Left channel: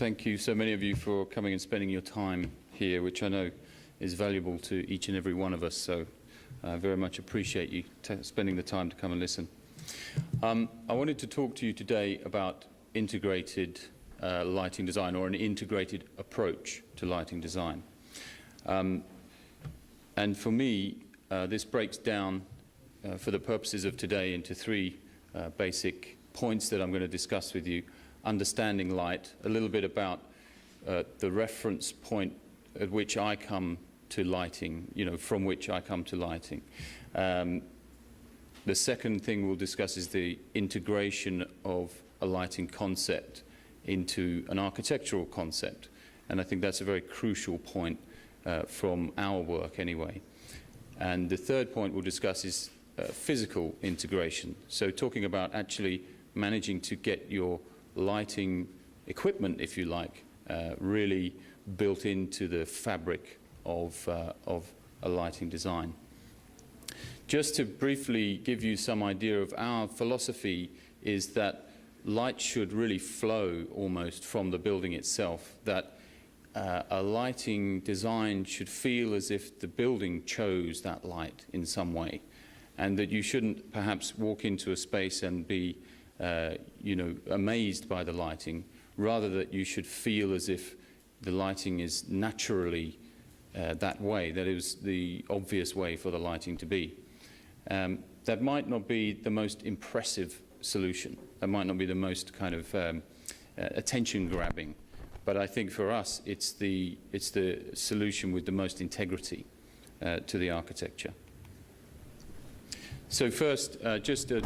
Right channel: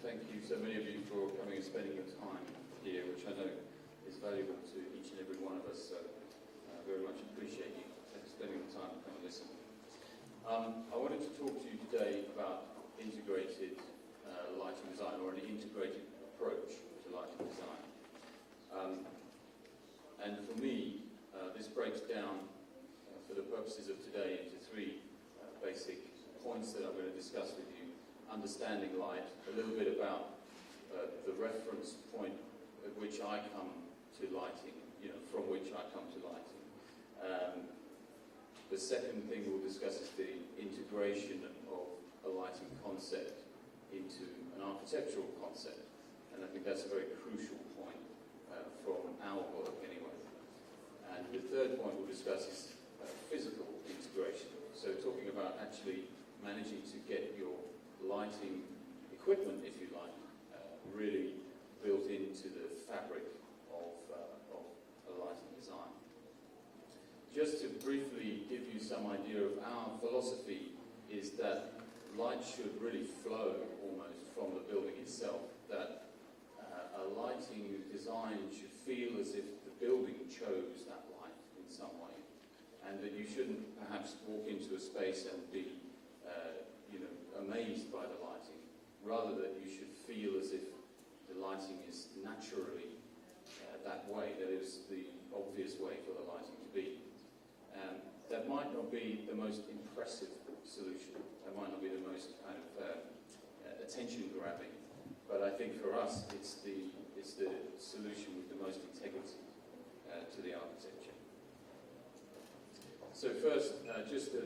thank you, so many of you, for coming and spending your time here, which I know is valuable to each and every one of us. So I very much appreciate you spending the time to come and listen. I wanted to talk to you today about integrated lighting design, or an integrated approach to lighting design. And for me, this breaks down, for the purposes of today, into three basic points that I'm going to discuss with you. Understanding light, a little bit about the reference point at which I come to lighting, from which I come to lighting. The second thing we'll discuss is the integration of a lighting concept into an architectural concept. And I think that's a very crucial point from our work anyway. And the third point we'll discuss is physical integration. So talking about actually managing to get your lighting equipment, if you like, really built into the fabric of a lighting design. Just to briefly give you some idea of our philosophy, is that light should really flow almost from the building itself, that a lighting design should feel as if the building chose that light in some way, and that you shouldn't perhaps walk into a space and be amazed by the lighting, rather that you should feel as if the lighting is naturally that way, that is the obvious way for the lighting to be. That might not be the most impressive solution, that might not be the most kind of attention grabbing, but I think for us it's the solution with the most integrity to the architecture. So first, just a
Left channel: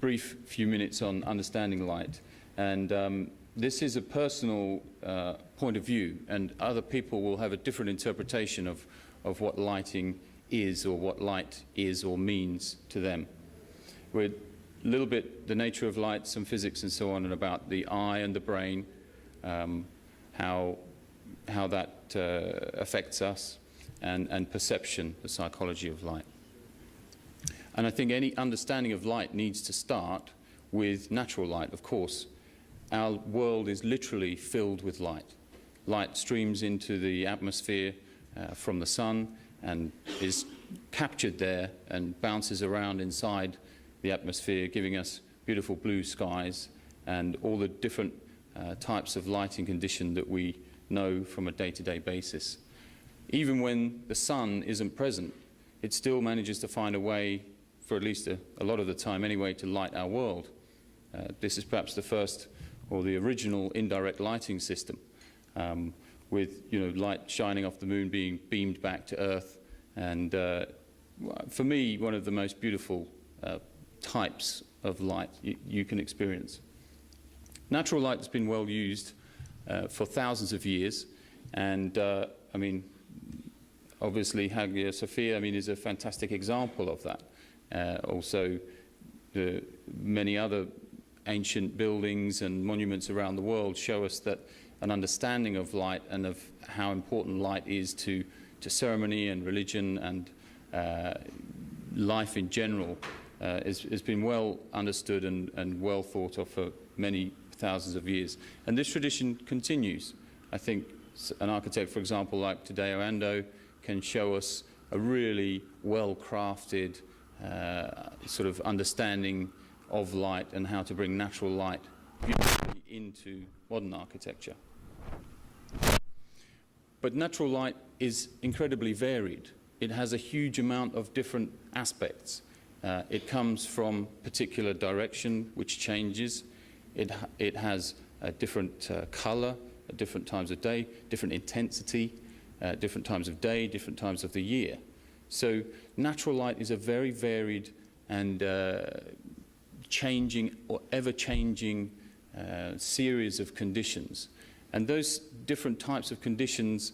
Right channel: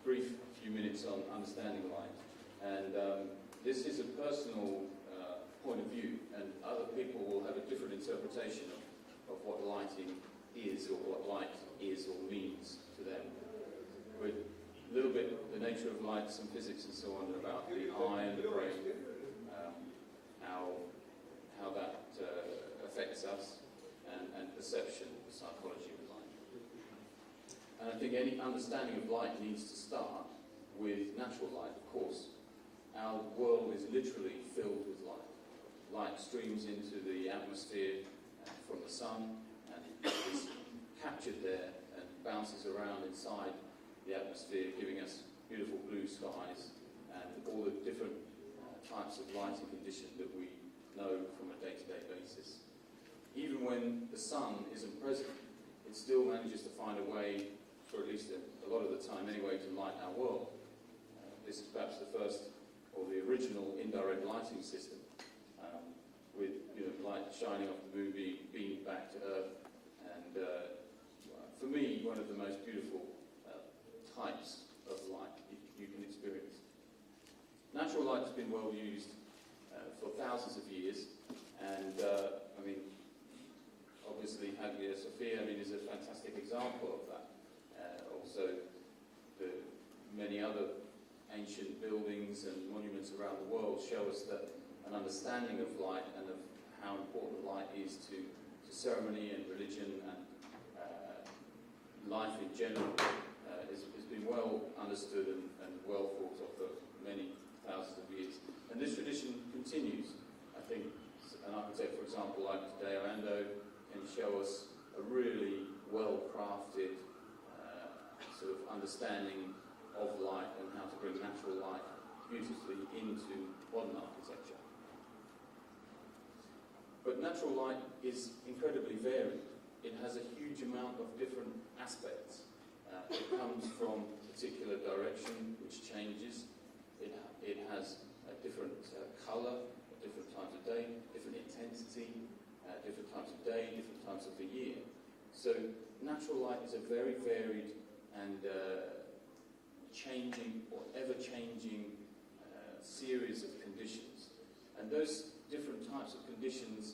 brief few minutes on understanding light, and this is a personal point of view, and other people will have a different interpretation of what lighting is, or what light is or means to them. With a little bit the nature of light, some physics and so on, and about the eye and the brain, how that affects us, and perception, the psychology of light. And I think any understanding of light needs to start with natural light, of course. Our world is literally filled with light. Light streams into the atmosphere from the sun and is captured there and bounces around inside the atmosphere, giving us beautiful blue skies and all the different types of lighting condition that we know from a day-to-day basis. Even when the sun isn't present, it still manages to find a way, for at least a lot of the time anyway, to light our world. This is perhaps the first or the original indirect lighting system, with light shining off the moon being beamed back to Earth, and for me, one of the most beautiful types of light you can experience. Natural light has been well used for thousands of years, and I mean, obviously Hagia Sophia, is a fantastic example of that. Also, the many other ancient buildings and monuments around the world show us that an understanding of light and of how important light is to ceremony and religion and life in general has been well understood and well thought of for many thousands of years. And this tradition continues. I think an architect, for example, like Tadeo Ando, can show us a really well-crafted sort of understanding of light and how to bring natural light beautifully into modern architecture. But natural light is incredibly varied. It has a huge amount of different aspects. It comes from particular direction, which changes. It has a different color at different times of day, different intensity, different times of day, different times of the year. So natural light is a very varied and changing or ever-changing series of conditions. And those different types of conditions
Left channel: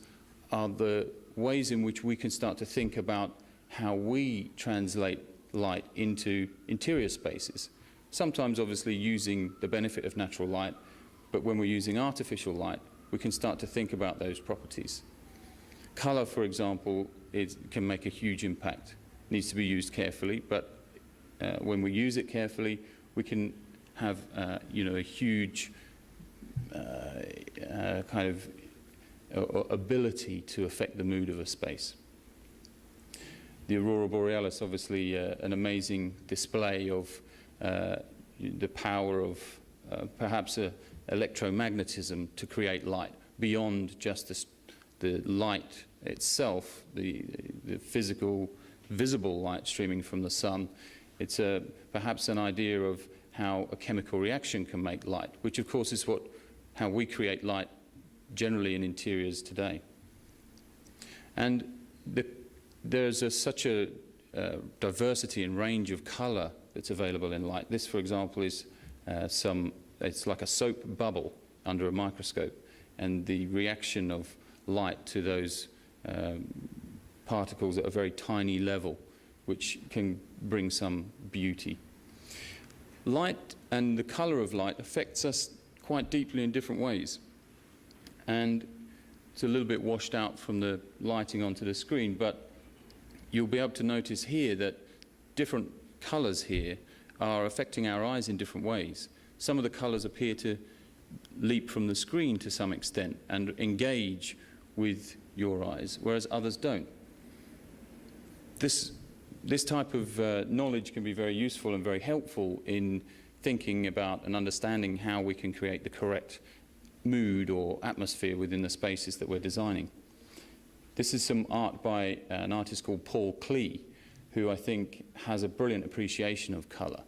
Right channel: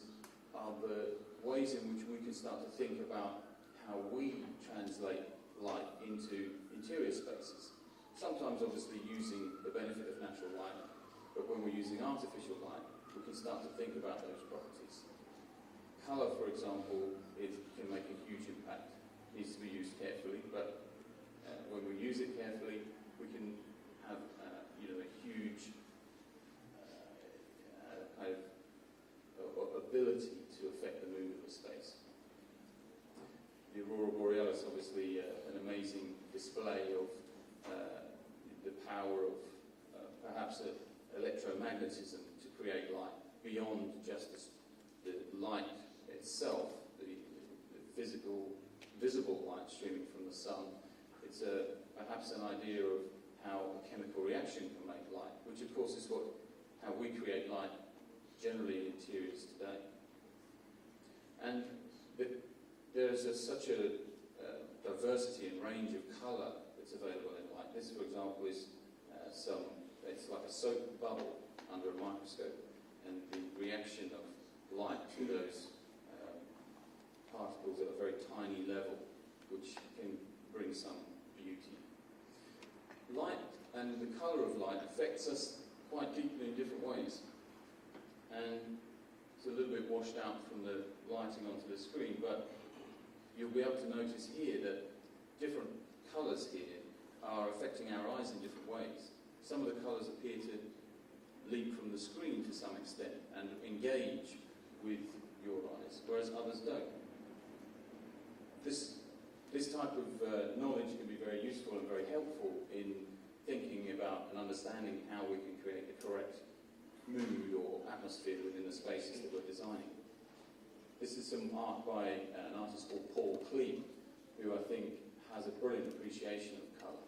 are the ways in which we can start to think about how we translate light into interior spaces. Sometimes obviously using the benefit of natural light, but when we're using artificial light, we can start to think about those properties. Color, for example, can make a huge impact. It needs to be used carefully, but when we use it carefully, we can have a huge kind of ability to affect the mood of a space. The aurora borealis, obviously, an amazing display of the power of perhaps electromagnetism to create light beyond just the light itself, the physical, visible light streaming from the sun. It's perhaps an idea of how a chemical reaction can make light, which of course is how we create light generally in interiors today. And there's such a diversity and range of colour that's available in light. This, for example, is it's like a soap bubble under a microscope, and the reaction of light to those particles at a very tiny level, which can bring some beauty. Light and the colour of light affects us quite deeply in different ways. And it's a little bit washed out from the lighting onto the screen, but you'll be able to notice here that different colours here are affecting our eyes in different ways. Some of the colours appear to leap from the screen to some extent and engage with your eyes, whereas others don't. This type of knowledge can be very useful and very helpful in thinking about and understanding how we can create the correct mood or atmosphere within the spaces that we're designing. This is some art by an artist called Paul Klee, who I think has a brilliant appreciation of colour.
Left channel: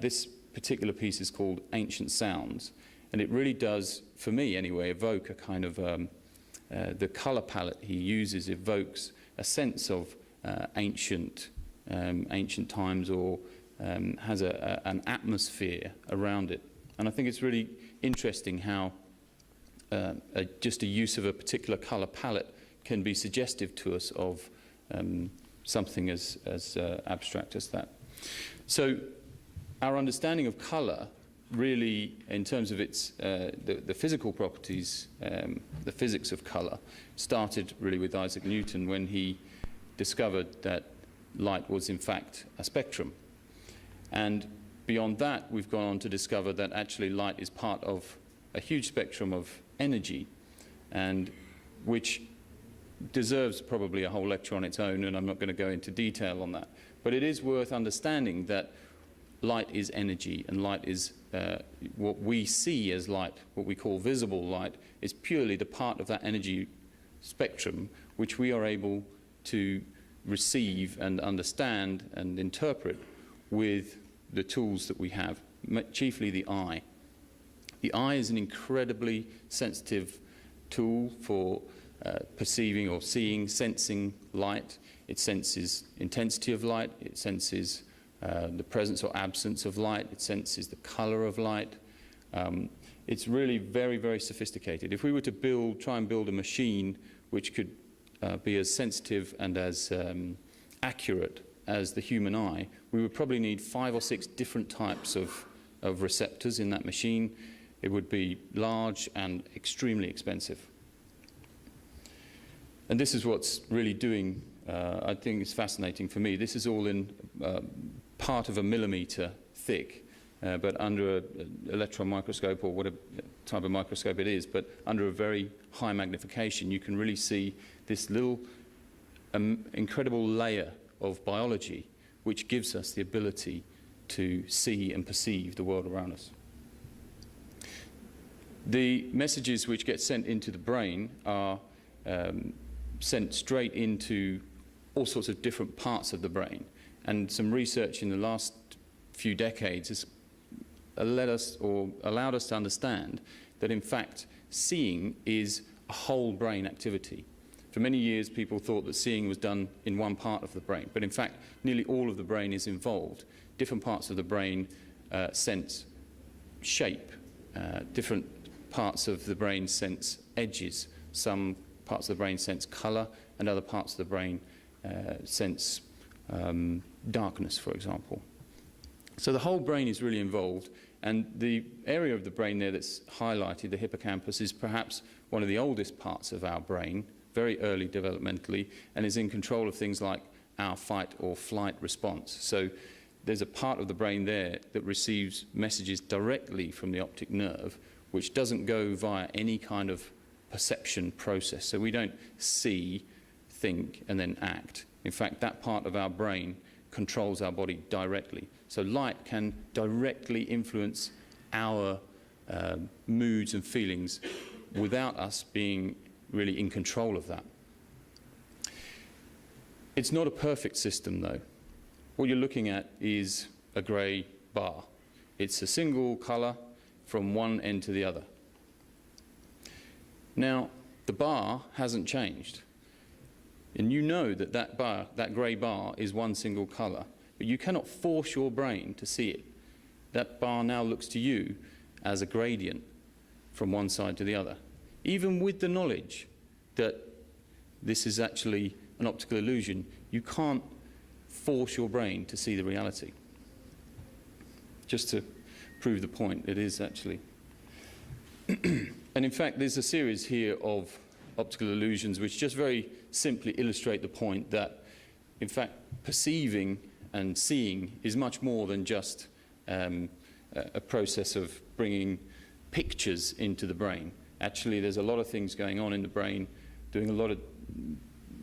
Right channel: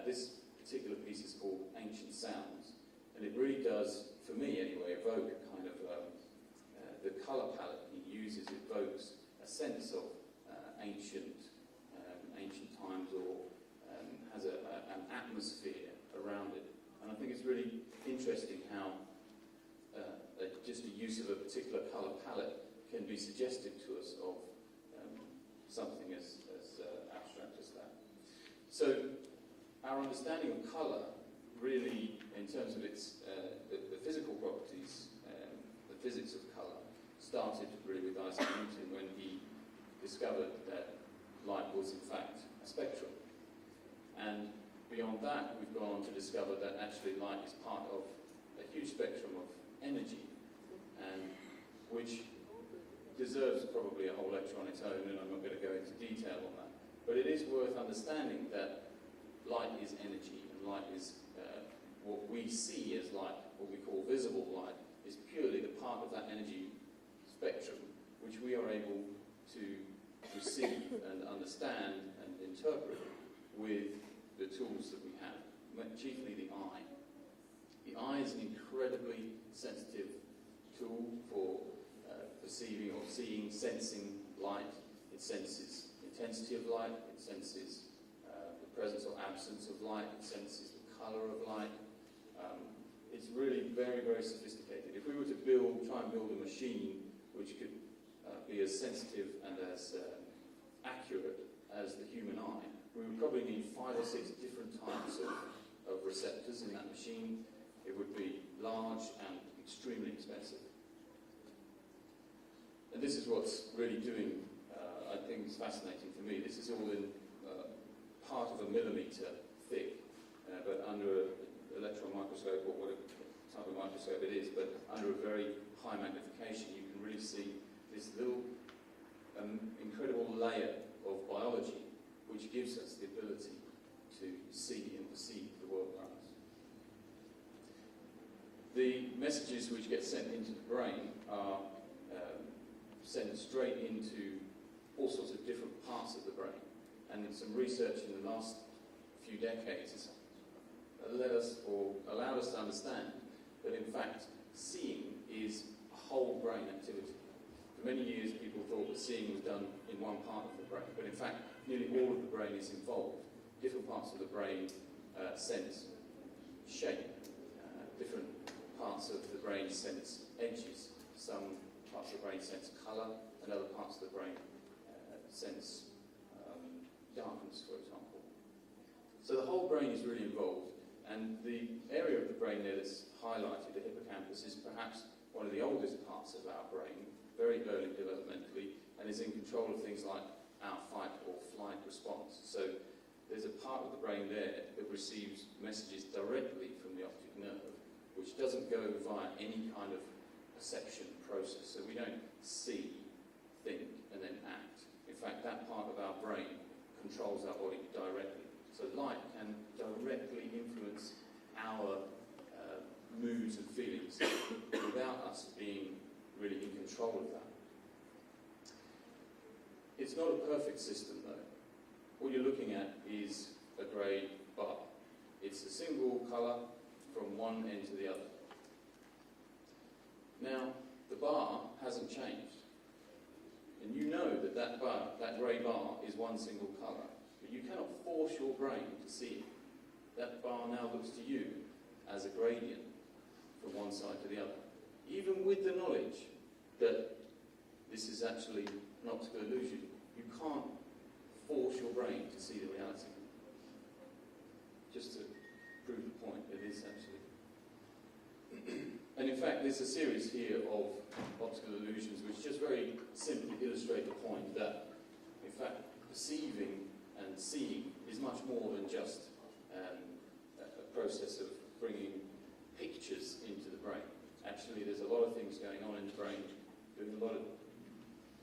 This particular piece is called Ancient Sounds, and it really does, for me anyway, evoke a kind of the colour palette he uses evokes a sense of ancient times, or has an atmosphere around it. And I think it's really interesting how just a use of a particular colour palette can be suggestive to us of something as abstract as that. So our understanding of colour really, in terms of its the physical properties, the physics of colour, started really with Isaac Newton when he discovered that light was in fact a spectrum. And beyond that, we've gone on to discover that actually light is part of a huge spectrum of energy, and which deserves probably a whole lecture on its own, and I'm not going to go into detail on that. But it is worth understanding that light is energy, and light is what we see as light, what we call visible light, is purely the part of that energy spectrum which we are able to receive and understand and interpret with the tools that we have, chiefly the eye. The eye is an incredibly sensitive tool for perceiving or seeing, sensing light. It senses intensity of light, it senses the presence or absence of light, it senses the colour of light. It's really very, very sophisticated. If we were to try and build a machine which could be as sensitive and as accurate as the human eye, we would probably need 5 or 6 different types of receptors in that machine. It would be large and extremely expensive. And this is what's really doing, I think it's fascinating for me. This is all in part of a millimetre thick, but under an electron microscope, or whatever type of microscope it is, but under a very high magnification, you can really see this little incredible layer of biology which gives us the ability to see and perceive the world around us. The messages which get sent into the brain are sent straight into all sorts of different parts of the brain, and some research in the last few decades has allowed us to understand that in fact seeing is a whole brain activity. For many years people thought that seeing was done in one part of the brain, but in fact nearly all of the brain is involved. Different parts of the brain sense shape, different parts of the brain sense edges, some parts of the brain sense colour, and other parts of the brain sense darkness, for example. So the whole brain is really involved, and the area of the brain there that's highlighted, the hippocampus, is perhaps one of the oldest parts of our brain, very early developmentally, and is in control of things like our fight or flight response. So there's a part of the brain there that receives messages directly from the optic nerve, which doesn't go via any kind of perception process. So we don't see, think, and then act. In fact, that part of our brain controls our body directly. So light can directly influence our moods and feelings without us being really in control of that. It's not a perfect system, though. What you're looking at is a grey bar. It's a single colour from one end to the other. Now, the bar hasn't changed. And you know that that grey bar is one single colour, but you cannot force your brain to see it. That bar now looks to you as a gradient from one side to the other, even with the knowledge that this is actually an optical illusion. You can't force your brain to see the reality. Just to prove the point, it is actually. And in fact, there's a series here of optical illusions which just very simply illustrate the point that, in fact, perceiving and seeing is much more than just a process of bringing pictures into the brain. Actually, there's a lot of things going on in the brain,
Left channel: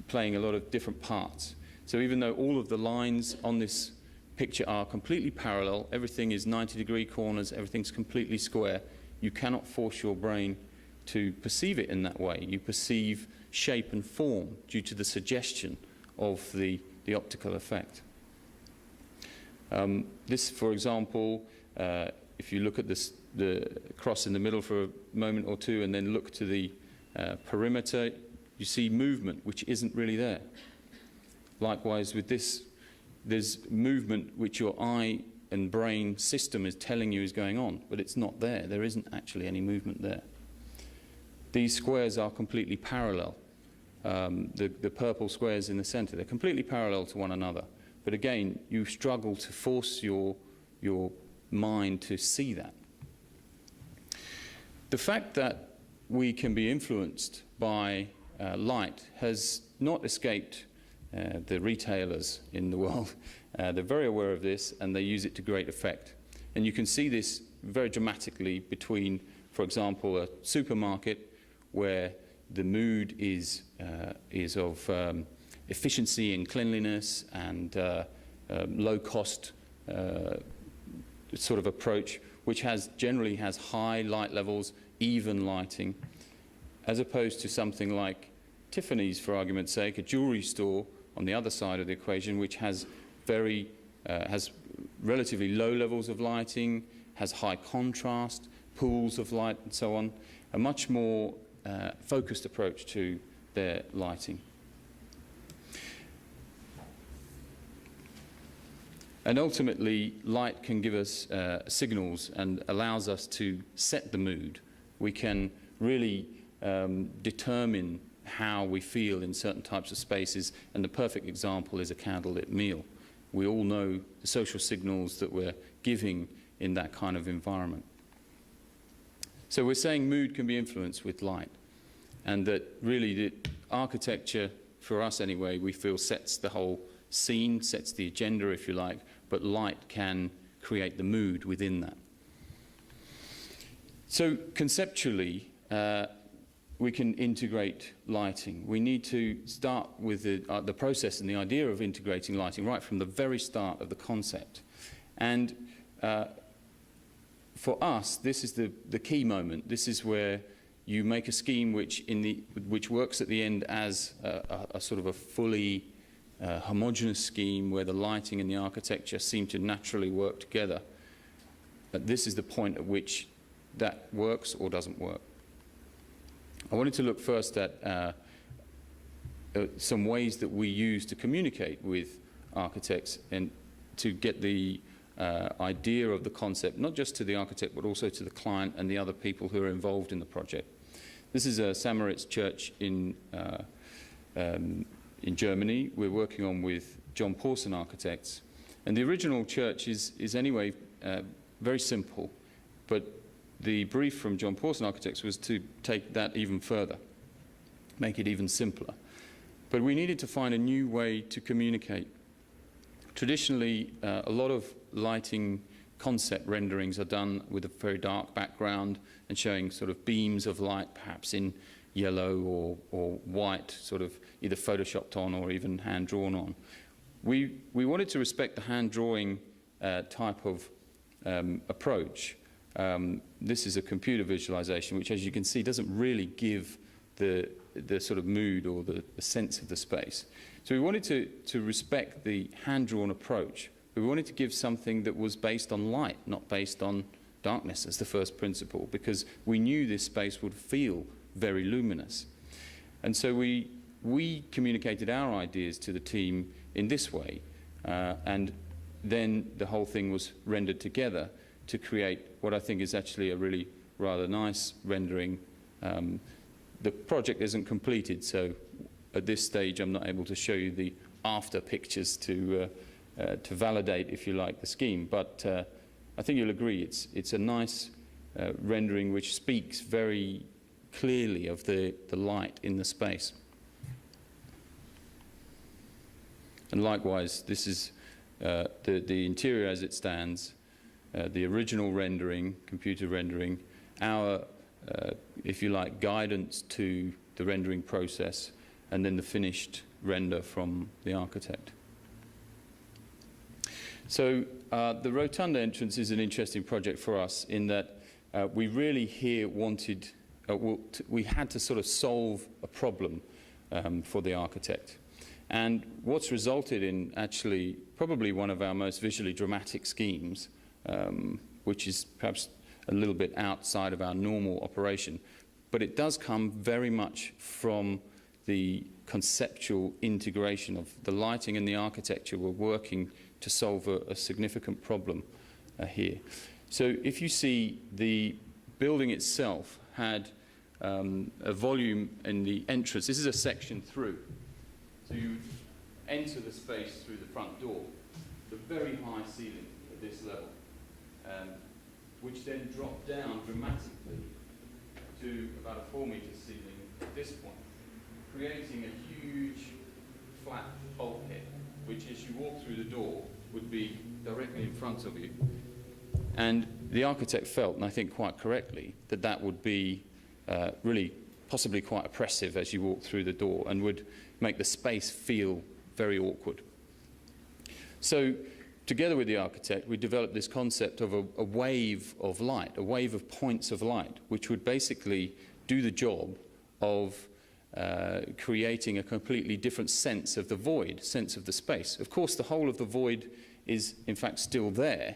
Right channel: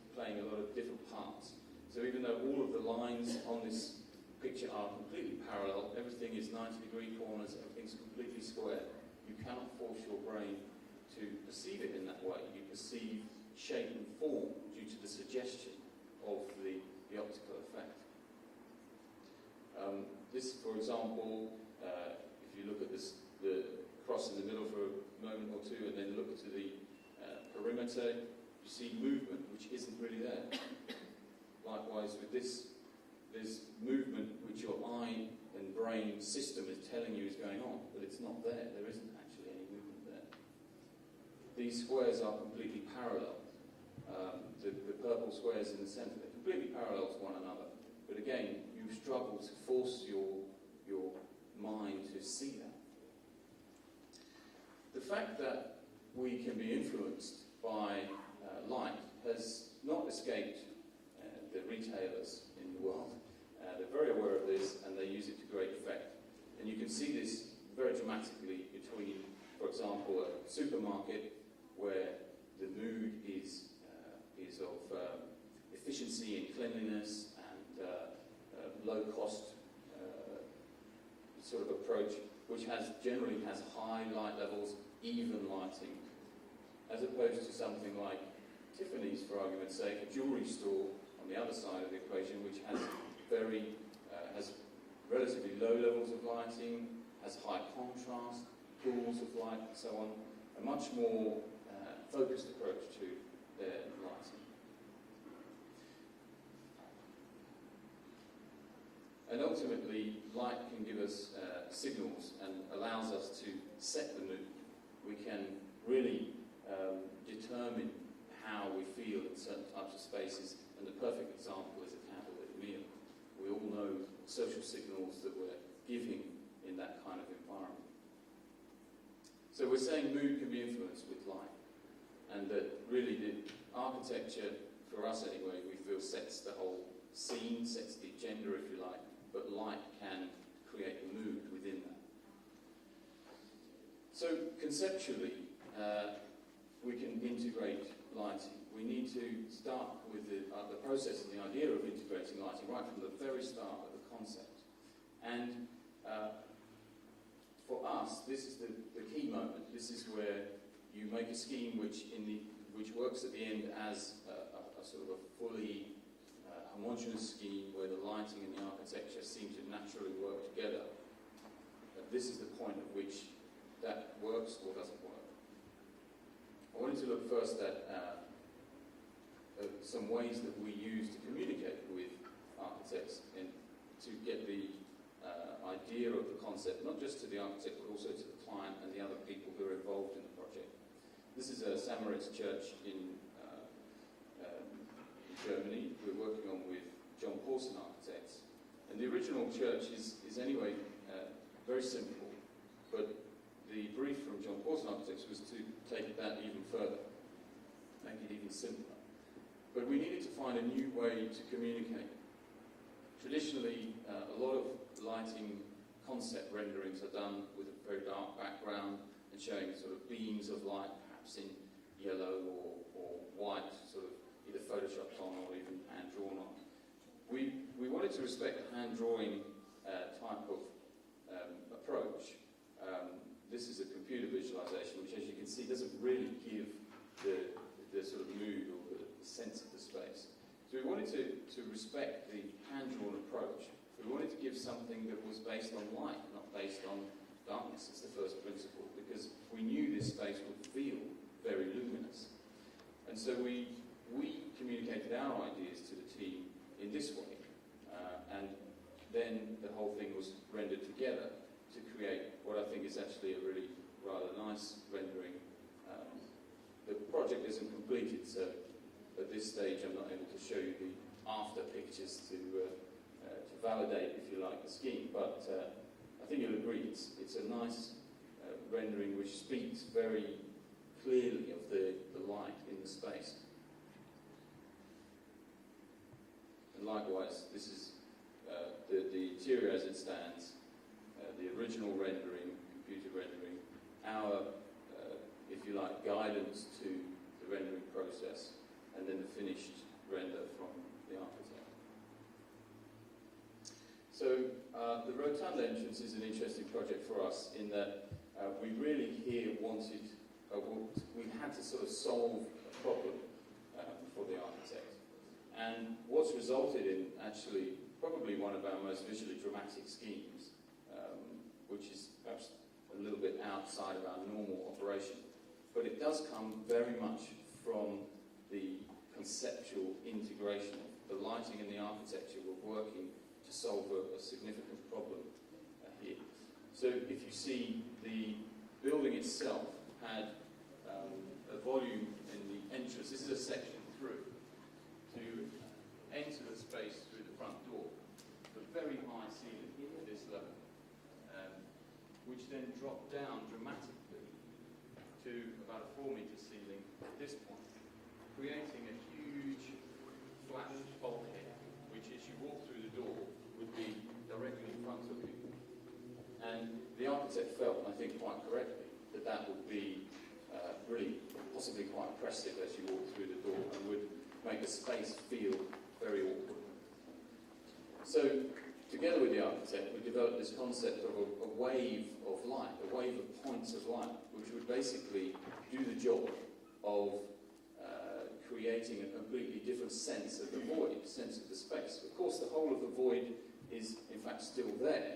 playing a lot of different parts. So even though all of the lines on this picture are completely parallel, everything is 90-degree corners, everything's completely square, you cannot force your brain to perceive it in that way. You perceive shape and form due to the suggestion of the optical effect. This, for example, if you look at the cross in the middle for a moment or two and then look to the perimeter, you see movement which isn't really there. Likewise with this, there's movement which your eye and brain system is telling you is going on, but it's not there. There isn't actually any movement there. These squares are completely parallel. The purple squares in the center, they're completely parallel to one another. But again, you struggle to force your mind to see that. The fact that we can be influenced by light has not escaped the retailers in the world. They're very aware of this and they use it to great effect. And you can see this very dramatically between, for example, a supermarket where the mood is of efficiency and cleanliness and low-cost sort of approach, which generally has high light levels, even lighting, as opposed to something like Tiffany's, for argument's sake, a jewellery store on the other side of the equation, which has relatively low levels of lighting, has high contrast, pools of light, and so on. A much more focused approach to their lighting. And ultimately, light can give us signals and allows us to set the mood. We can really determine how we feel in certain types of spaces, and the perfect example is a candlelit meal. We all know the social signals that we're giving in that kind of environment. So we're saying mood can be influenced with light, and that really the architecture, for us anyway, we feel sets the whole scene, sets the agenda, if you like, but light can create the mood within that. So conceptually, we can integrate lighting. We need to start with the process and the idea of integrating lighting right from the very start of the concept. And for us, this is the key moment. This is where you make a scheme which works at the end as a sort of a fully homogeneous scheme where the lighting and the architecture seem to naturally work together. But this is the point at which that works or doesn't work. I wanted to look first at some ways that we use to communicate with architects and to get the idea of the concept, not just to the architect, but also to the client and the other people who are involved in the project. This is a Samaritz church in Germany. We're working on with John Pawson Architects. And the original church is anyway very simple, but the brief from John Pawson Architects was to take that even further, make it even simpler. But we needed to find a new way to communicate. Traditionally, a lot of lighting concept renderings are done with a very dark background and showing sort of beams of light, perhaps in yellow or white, sort of either photoshopped on or even hand drawn on. We wanted to respect the hand drawing type of approach. This is a computer visualization, which, as you can see, doesn't really give the sort of mood or the sense of the space. So we wanted to respect the hand-drawn approach. We wanted to give something that was based on light, not based on darkness as the first principle, because we knew this space would feel very luminous. And so we communicated our ideas to the team in this way, and then the whole thing was rendered together to create what I think is actually a really rather nice rendering. The project isn't completed, so at this stage I'm not able to show you the after pictures to validate, if you like, the scheme. But I think you'll agree it's a nice rendering which speaks very clearly of the light in the space. And likewise, this is the interior as it stands, the original rendering, computer rendering, our, if you like, guidance to the rendering process, and then the finished render from the architect. So the rotunda entrance is an interesting project for us in that we really here wanted, we had to sort of solve a problem for the architect. And what's resulted in actually probably one of our most visually dramatic schemes, which is perhaps a little bit outside of our normal operation, but it does come very much from the conceptual integration of the lighting and the architecture. We're working to solve a significant problem here. So if you see, the building itself had a volume in the entrance. This is a section through. So you enter the space through the front door, the very high ceiling at this level, which then dropped down dramatically to about a 4-meter ceiling at this point, creating a huge flat bulkhead, which as you walk through the door would be directly in front of you. And the architect felt, and I think quite correctly, that that would be really possibly quite oppressive as you walk through the door and would make the space feel very awkward. So together with the architect, we developed this concept of a wave of light, a wave of points of light, which would basically do the job of creating a completely different sense of the void, sense of the space. Of course, the whole of the void is in fact still there,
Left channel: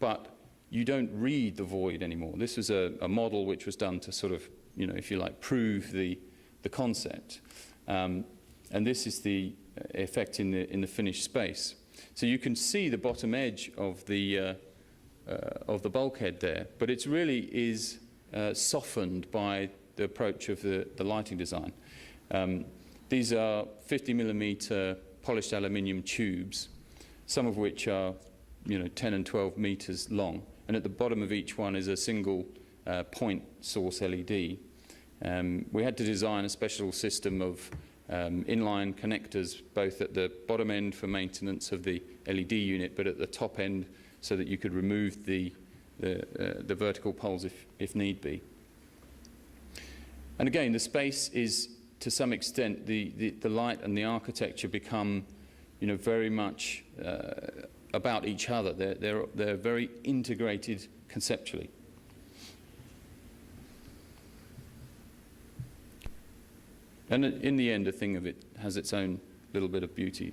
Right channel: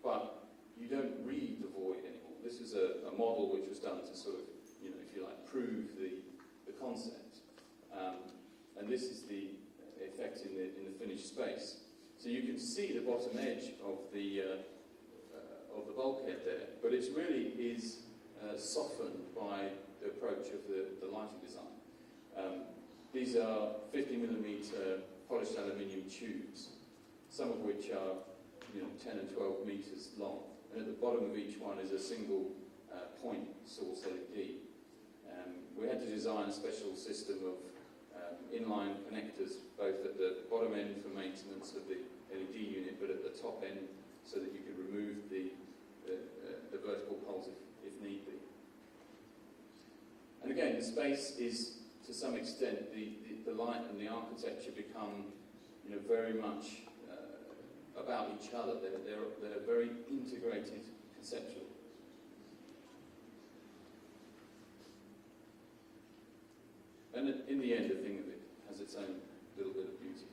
but you don't read the void anymore. This was a model which was done to sort of, you know, if you like, prove the concept. And this is the effect in the finished space. So you can see the bottom edge of the bulkhead there, but it really is softened by the approach of the lighting design. These are 50mm polished aluminium tubes, some of which are, you know, 10 and 12 meters long, and at the bottom of each one is a single point source LED. We had to design a special system of inline connectors, both at the bottom end for maintenance of the LED unit, but at the top end so that you could remove the vertical poles if need be. And again, the space is, to some extent, the light and the architecture become, you know, very much about each other. They're very integrated conceptually. And in the end, a thing of it has its own little bit of beauty.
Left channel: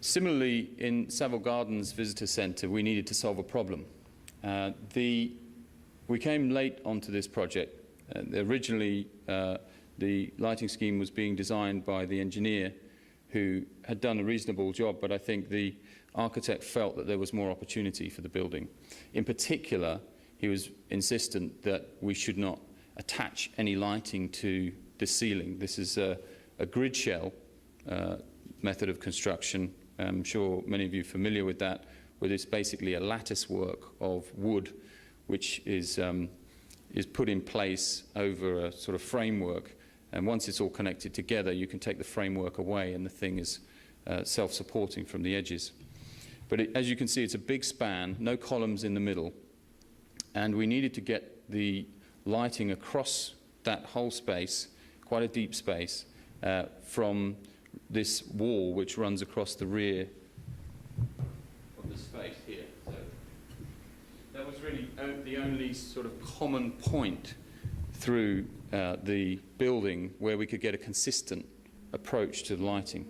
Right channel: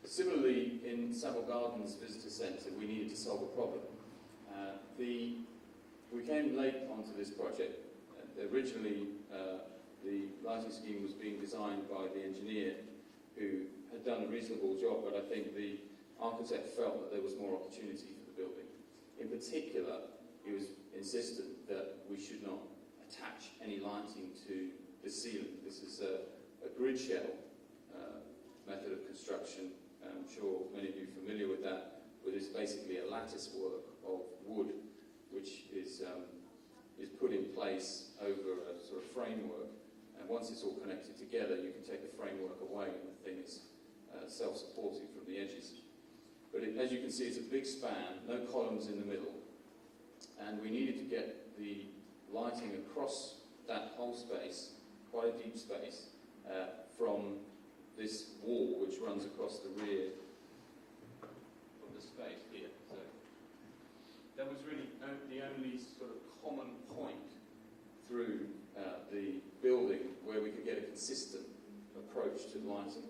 Similarly, in Savile Gardens Visitor Centre, we needed to solve a problem. We came late onto this project. Originally, the lighting scheme was being designed by the engineer who had done a reasonable job, but I think the architect felt that there was more opportunity for the building. In particular, he was insistent that we should not attach any lighting to the ceiling. This is a grid shell method of construction. I'm sure many of you are familiar with that, where it's basically a lattice work of wood which is put in place over a sort of framework, and once it's all connected together you can take the framework away and the thing is self-supporting from the edges. But as you can see, it's a big span, no columns in the middle, and we needed to get the lighting across that whole space, quite a deep space, from this wall which runs across the rear of the space here. So that was really the only sort of common point through the building where we could get a consistent approach to lighting.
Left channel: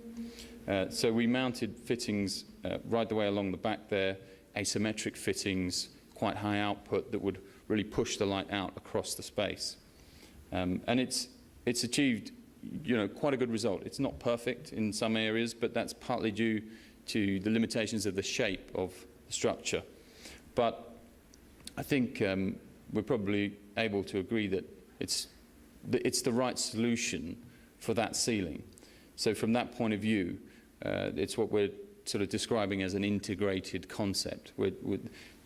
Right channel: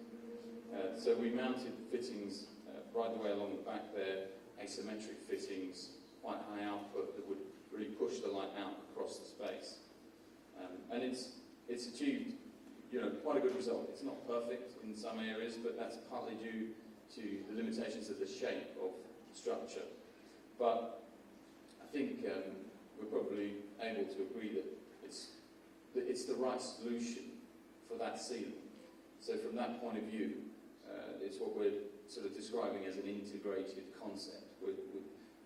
So we mounted fittings right the way along the back there, asymmetric fittings, quite high output that would really push the light out across the space. And it's achieved, you know, quite a good result. It's not perfect in some areas, but that's partly due to the limitations of the shape of the structure. But I think we're probably able to agree that it's the right solution for that ceiling. So from that point of view, it's what we're sort of describing as an integrated concept.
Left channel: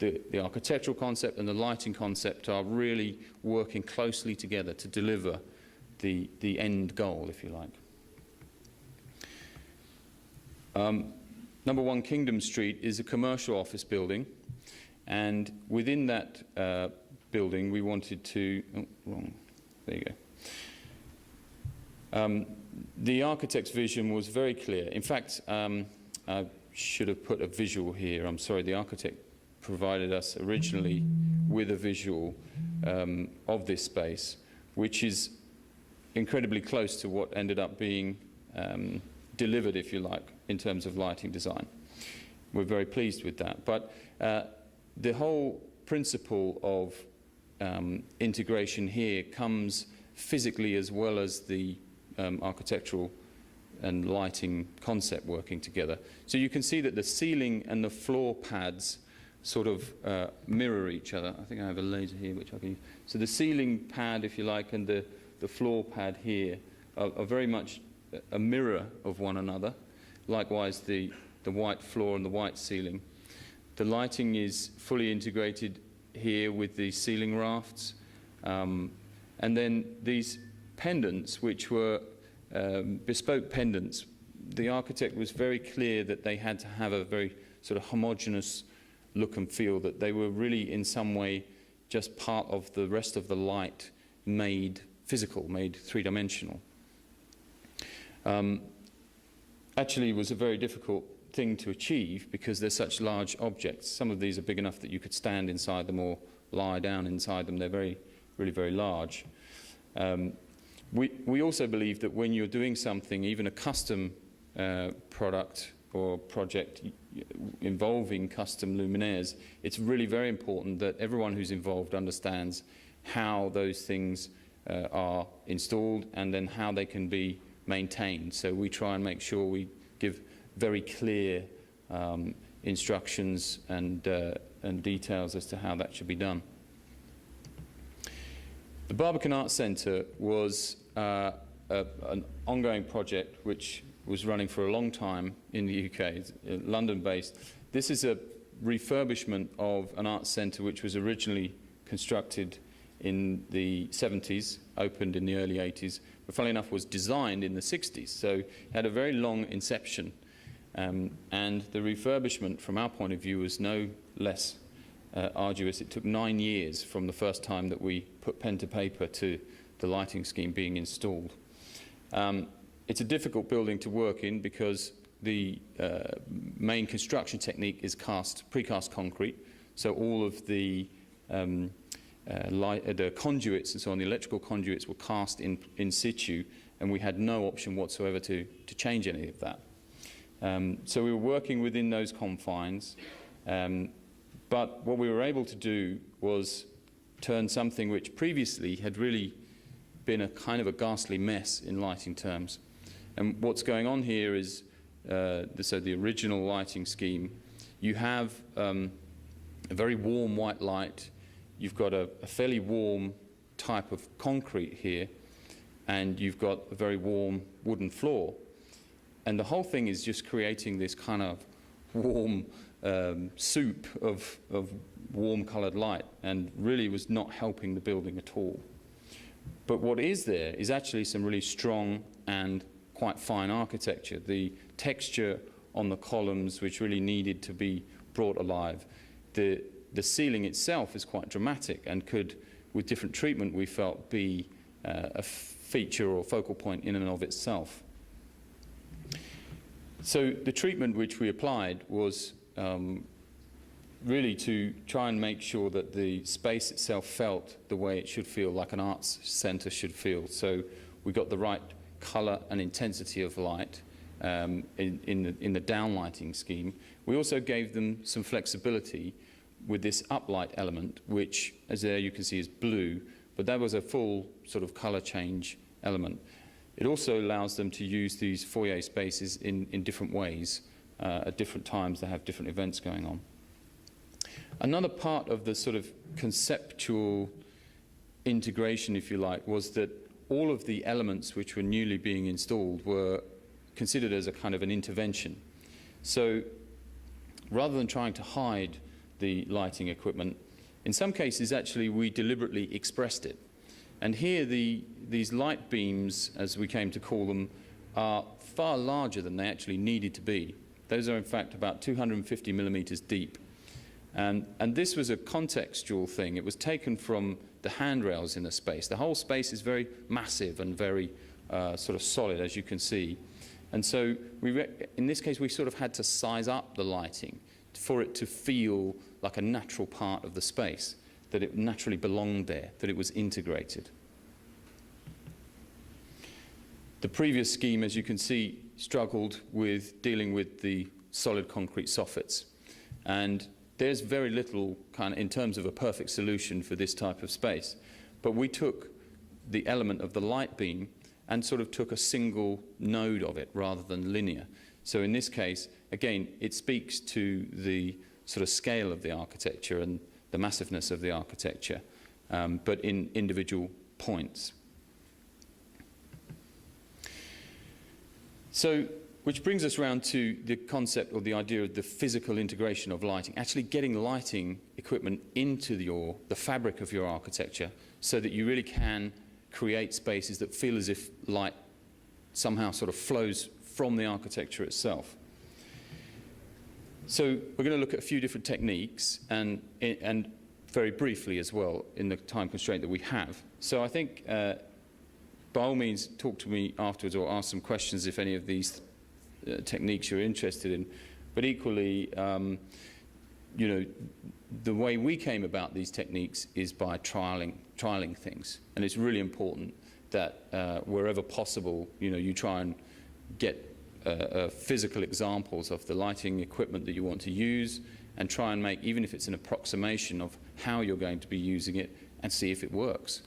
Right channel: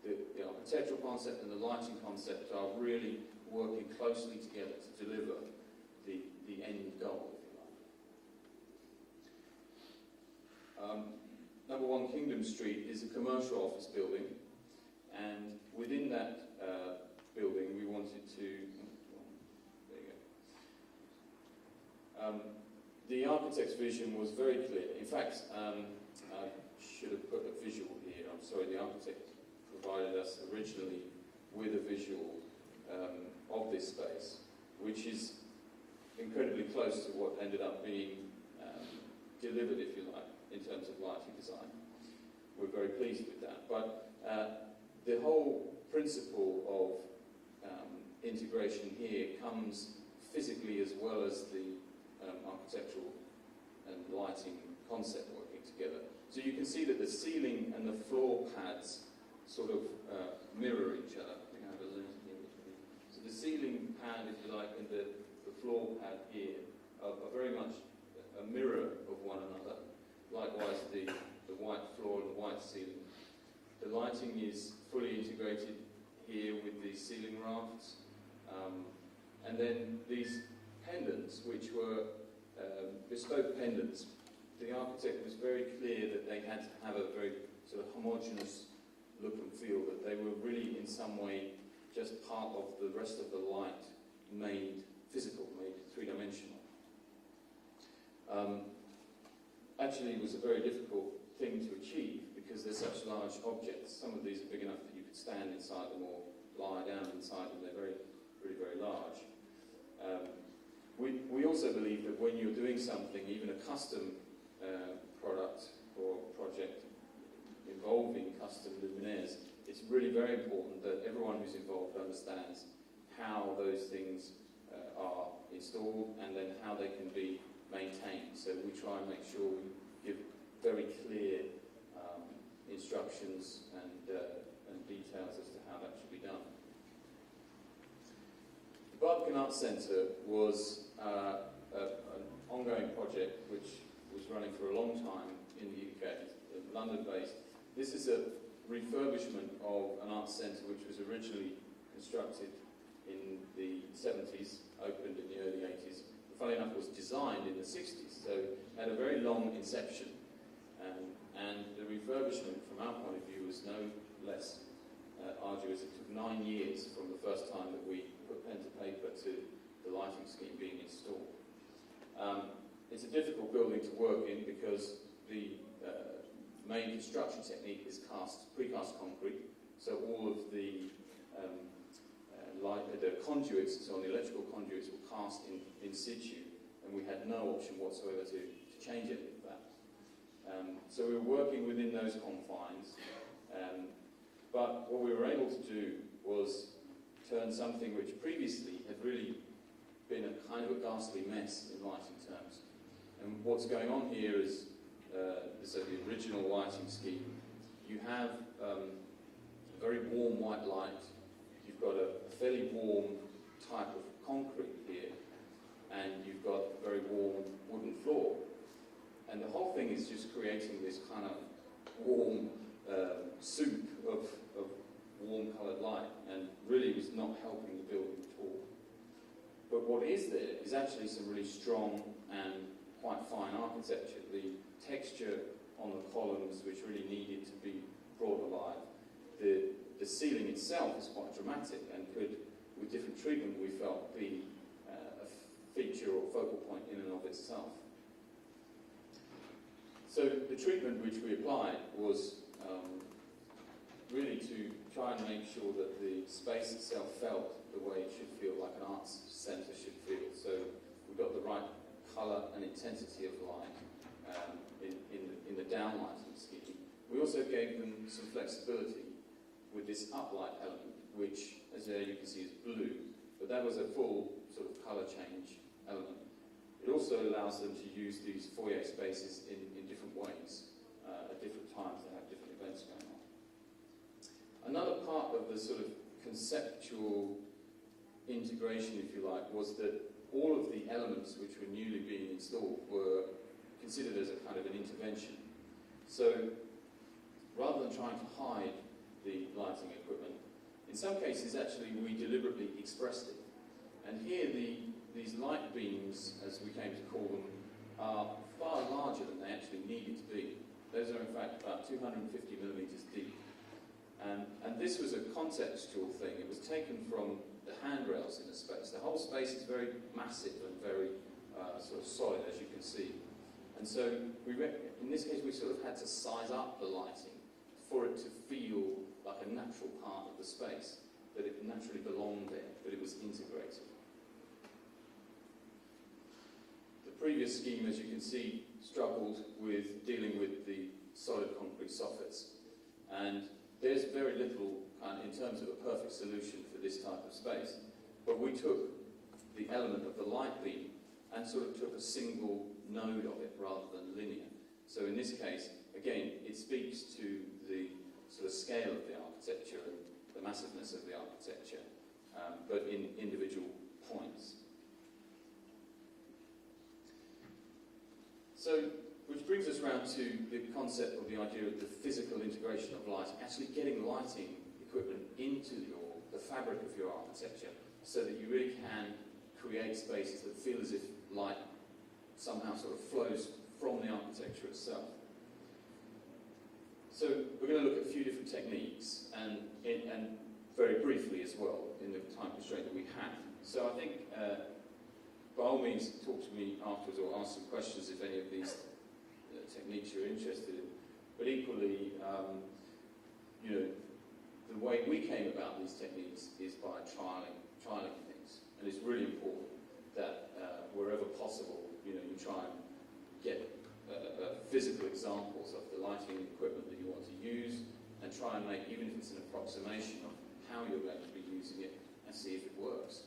The architectural concept and the lighting concept are really working closely together to deliver the end goal, if you like. Number 1 Kingdom Street is a commercial office building, and within that building we wanted to... Oh, wrong. There you go. The architect's vision was very clear. In fact, I should have put a visual here. I'm sorry, the architect provided us originally with a visual of this space, which is incredibly close to what ended up being delivered, if you like, in terms of lighting design. We're very pleased with that. But the whole principle of integration here comes physically as well as the architectural and lighting concept working together. So you can see that the ceiling and the floor pads sort of mirror each other. I think I have a laser here which I can use. So the ceiling pad, if you like, and the floor pad here are very much a mirror of one another. Likewise, the white floor and the white ceiling. The lighting is fully integrated here with the ceiling rafts. And then these pendants, which were bespoke pendants, the architect was very clear that they had to have a very sort of homogeneous look and feel, that they were really in some way just part of the rest of the light made physical, made three-dimensional. Actually, it was a very difficult thing to achieve because they're such large objects. Some of these are big enough that you could stand inside them or lie down inside them. They're really very large. We also believe that when you're doing something, even a custom product or project involving custom luminaires, it's really very important that everyone who's involved understands how those things are installed and then how they can be maintained. So we try and make sure we give very clear instructions and details as to how that should be done. The Barbican Arts Centre was an ongoing project which was running for a long time in the UK, London-based. This is a refurbishment of an arts centre which was originally constructed in the 70s, opened in the early 80s, but funnily enough was designed in the 60s, so it had a very long inception. And the refurbishment, from our point of view, was no less arduous. It took 9 years from the first time that we put pen to paper to the lighting scheme being installed. It's a difficult building to work in because the main construction technique is precast concrete, so all of the conduits and so on, the electrical conduits were cast in situ, and we had no option whatsoever to change any of that. So we were working within those confines, but what we were able to do was turn something which previously had really been a kind of a ghastly mess in lighting terms. And what's going on here is, so the original lighting scheme, you have a very warm white light, you've got a fairly warm type of concrete here, and you've got a very warm wooden floor. And the whole thing is just creating this kind of warm soup of warm coloured light, and really was not helping the building at all. But what is there is actually some really strong and quite fine architecture. The texture on the columns which really needed to be brought alive. The ceiling itself is quite dramatic and could, with different treatment, we felt be a feature or focal point in and of itself. So the treatment which we applied was really to try and make sure that the space itself felt the way it should feel, like an arts centre should feel. So we got the right colour and intensity of light in the downlighting scheme. We also gave them some flexibility with this uplight element, which, as there you can see, is blue, but that was a full sort of colour change element. It also allows them to use these foyer spaces in different ways. At different times they have different events going on. Another part of the sort of conceptual integration, if you like, was that all of the elements which were newly being installed were considered as a kind of an intervention. So rather than trying to hide the lighting equipment, in some cases actually we deliberately expressed it. And here these light beams, as we came to call them, are far larger than they actually needed to be. Those are in fact about 250 millimeters deep. And this was a contextual thing. It was taken from the handrails in the space. The whole space is very massive and very sort of solid, as you can see. And so in this case we sort of had to size up the lighting for it to feel like a natural part of the space, that it naturally belonged there, that it was integrated. The previous scheme, as you can see, struggled with dealing with the solid concrete soffits. And there's very little kind of, in terms of a perfect solution for this type of space. But we took the element of the light beam and sort of took a single node of it rather than linear. So in this case, again, it speaks to the sort of scale of the architecture and the massiveness of the architecture, but in individual points. So, which brings us around to the concept or the idea of the physical integration of lighting, actually getting lighting equipment into the fabric of your architecture so that you really can create spaces that feel as if light somehow sort of flows from the architecture itself. So we're going to look at a few different techniques and very briefly as well in the time constraint that we have. So I think by all means talk to me afterwards or ask some questions if any of these techniques you're interested in. But equally, you know, the way we came about these techniques is by trialing things. And it's really important that wherever possible, you know, you try and get physical examples of the lighting equipment that you want to use and try and make, even if it's an approximation of how you're going to be using it, and see if it works.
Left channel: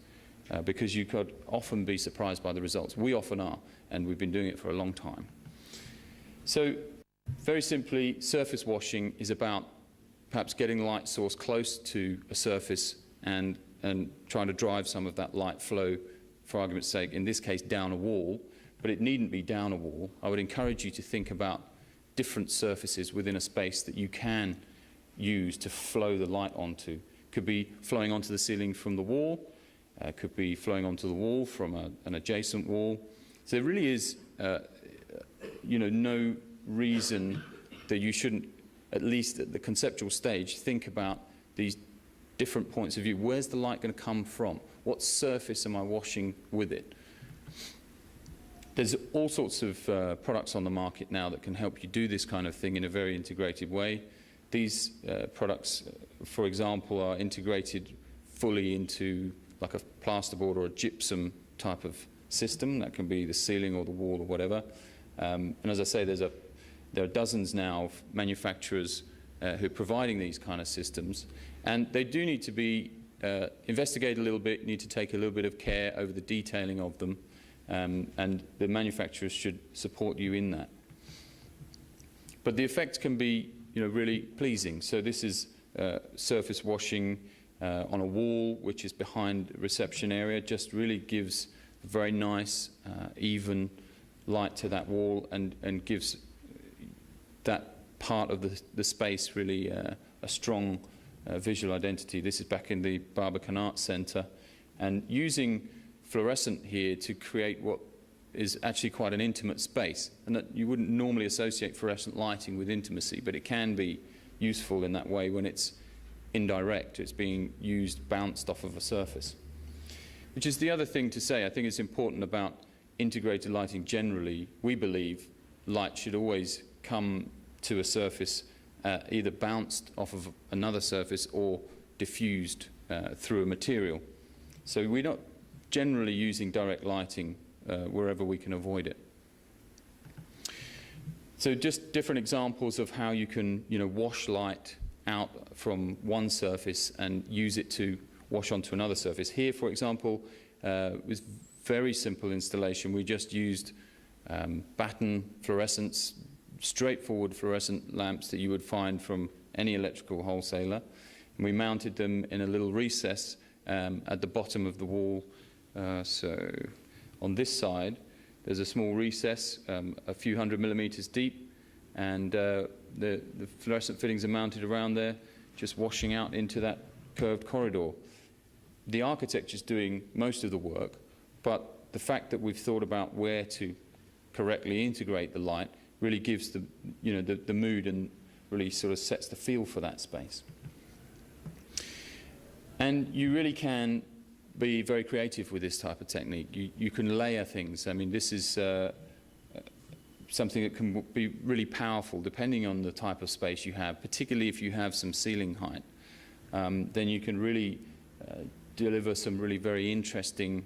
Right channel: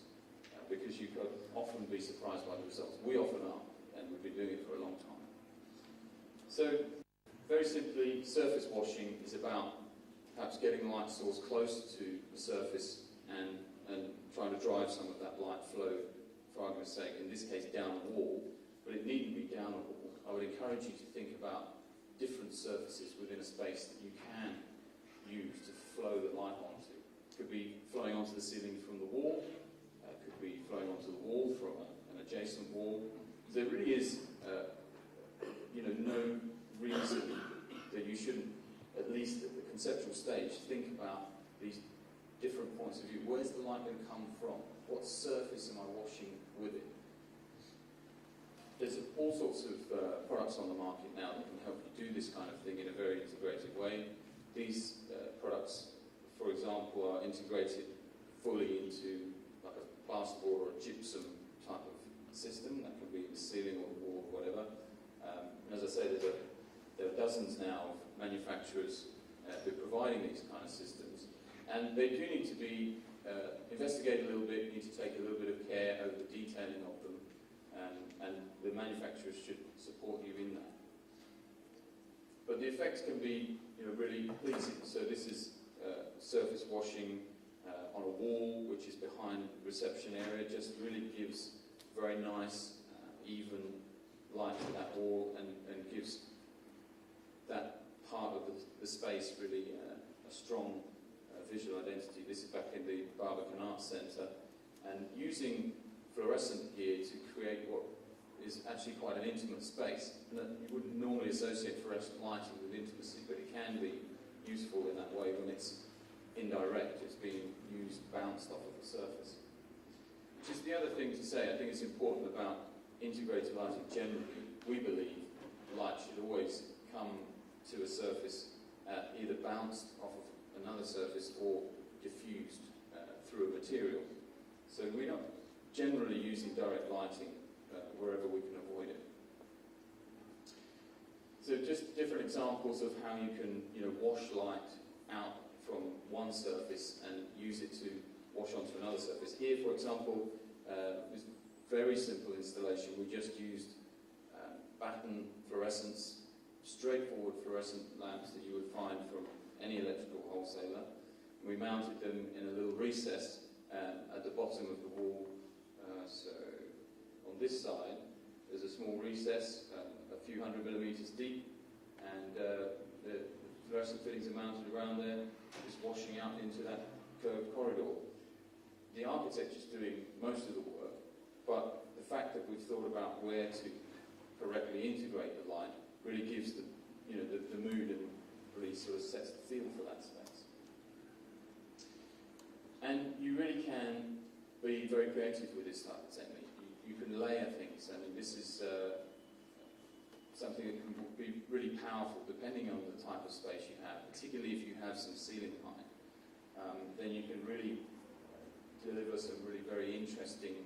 Because you could often be surprised by the results. We often are, and we've been doing it for a long time. So, very simply, surface washing is about perhaps getting the light source close to a surface and trying to drive some of that light flow, for argument's sake, in this case down a wall, but it needn't be down a wall. I would encourage you to think about different surfaces within a space that you can use to flow the light onto. Could be flowing onto the ceiling from the wall, could be flowing onto the wall from an adjacent wall. So there really is you know, no reason that you shouldn't, at least at the conceptual stage, think about these different points of view. Where's the light going to come from? What surface am I washing with it? There's all sorts of products on the market now that can help you do this kind of thing in a very integrated way. These products, for example, are integrated fully into like a plasterboard or a gypsum type of system. That can be the ceiling or the wall or whatever. And as I say, there are dozens now of manufacturers who are providing these kind of systems. And they do need to be investigated a little bit, need to take a little bit of care over the detailing of them. And the manufacturers should support you in that. But the effect can be, you know, really pleasing. So this is surface washing on a wall, which is behind the reception area. Just really gives a very nice, even light to that wall and gives that part of the space really a strong visual identity. This is back in the Barbican Arts Centre, and using fluorescent here to create what is actually quite an intimate space, and that you wouldn't normally associate fluorescent lighting with intimacy, but it can be useful in that way when it's indirect. It's being used, bounced off of a surface. Which is the other thing to say. I think it's important about integrated lighting generally. We believe light should always come to a surface either bounced off of another surface or diffused through a material. So we're not generally using direct lighting wherever we can avoid it. So just different examples of how you can, wash light out from one surface and use it to wash onto another surface. Here, for example, was very simple installation. We just used batten fluorescents, straightforward fluorescent lamps that you would find from any electrical wholesaler. And we mounted them in a little recess at the bottom of the wall. So on this side, there's a small recess, a few 100 millimeters deep, and the fluorescent fittings are mounted around there, just washing out into that curved corridor. The architecture's doing most of the work, but the fact that we've thought about where to correctly integrate the light really gives the mood and really sort of sets the feel for that space. And you really can be very creative with this type of technique. You can layer things. I mean, this is something that can be really powerful depending on the type of space you have, particularly if you have some ceiling height. Then you can really deliver some really very interesting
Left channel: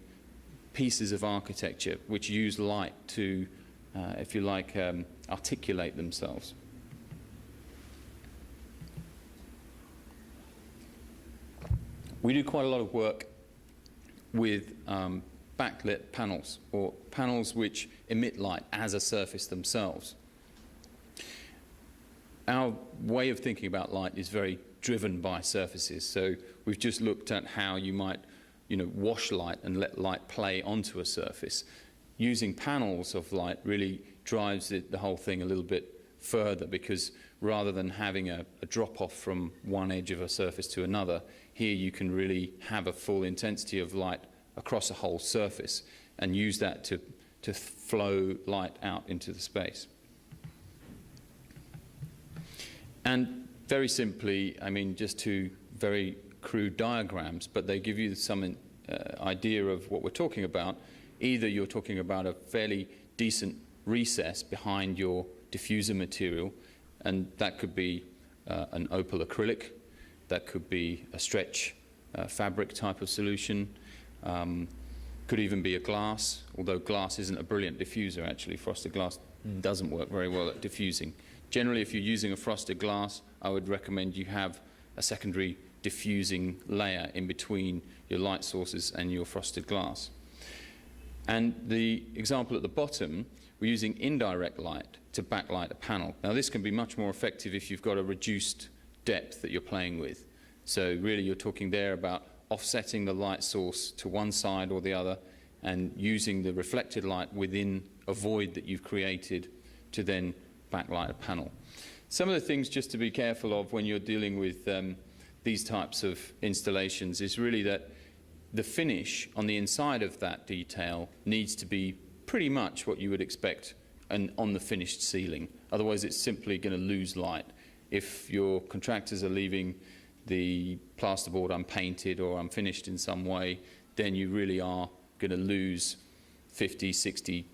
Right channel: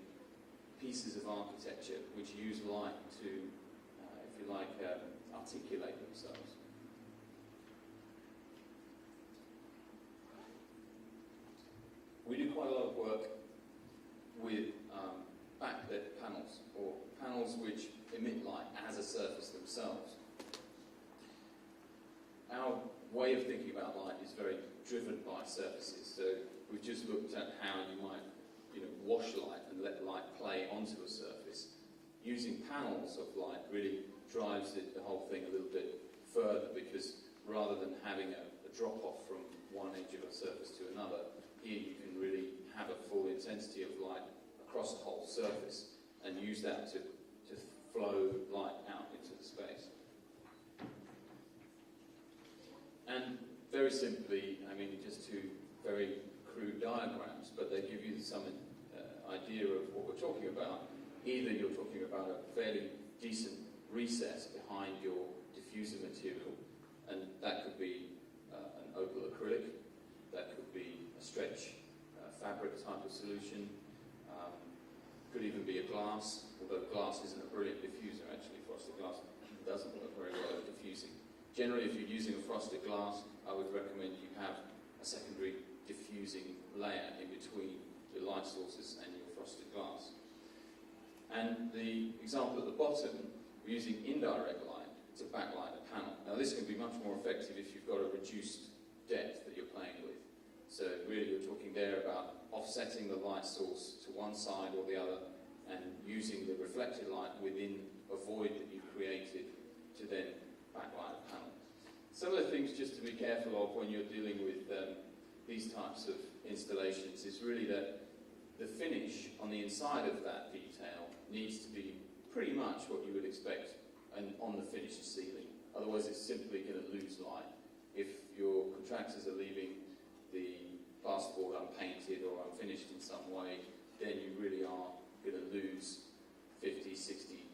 pieces of architecture which use light to, if you like, articulate themselves. We do quite a lot of work with backlit panels, or panels which emit light as a surface themselves. Our way of thinking about light is very driven by surfaces, so we've just looked at how you might wash light and let light play onto a surface. Using panels of light really drives the whole thing a little bit further, because rather than having a drop-off from one edge of a surface to another, here you can really have a full intensity of light across a whole surface and use that to flow light out into the space. And very simply, I mean, just two very crude diagrams, but they give you some idea of what we're talking about. Either you're talking about a fairly decent recess behind your diffuser material, and that could be an opal acrylic, that could be a stretch fabric type of solution, could even be a glass, although glass isn't a brilliant diffuser actually. Frosted glass doesn't work very well at diffusing. Generally, if you're using a frosted glass, I would recommend you have a secondary diffusing layer in between your light sources and your frosted glass. And the example at the bottom, we're using indirect light to backlight a panel. Now this can be much more effective if you've got a reduced depth that you're playing with. So really you're talking there about offsetting the light source to one side or the other and using the reflected light within a void that you've created to then backlight a panel. Some of the things just to be careful of when you're dealing with these types of installations is really that the finish on the inside of that detail needs to be pretty much what you would expect on the finished ceiling. Otherwise it's simply going to lose light. If your contractors are leaving the plasterboard unpainted or unfinished in some way, then you really are going to lose 50–60%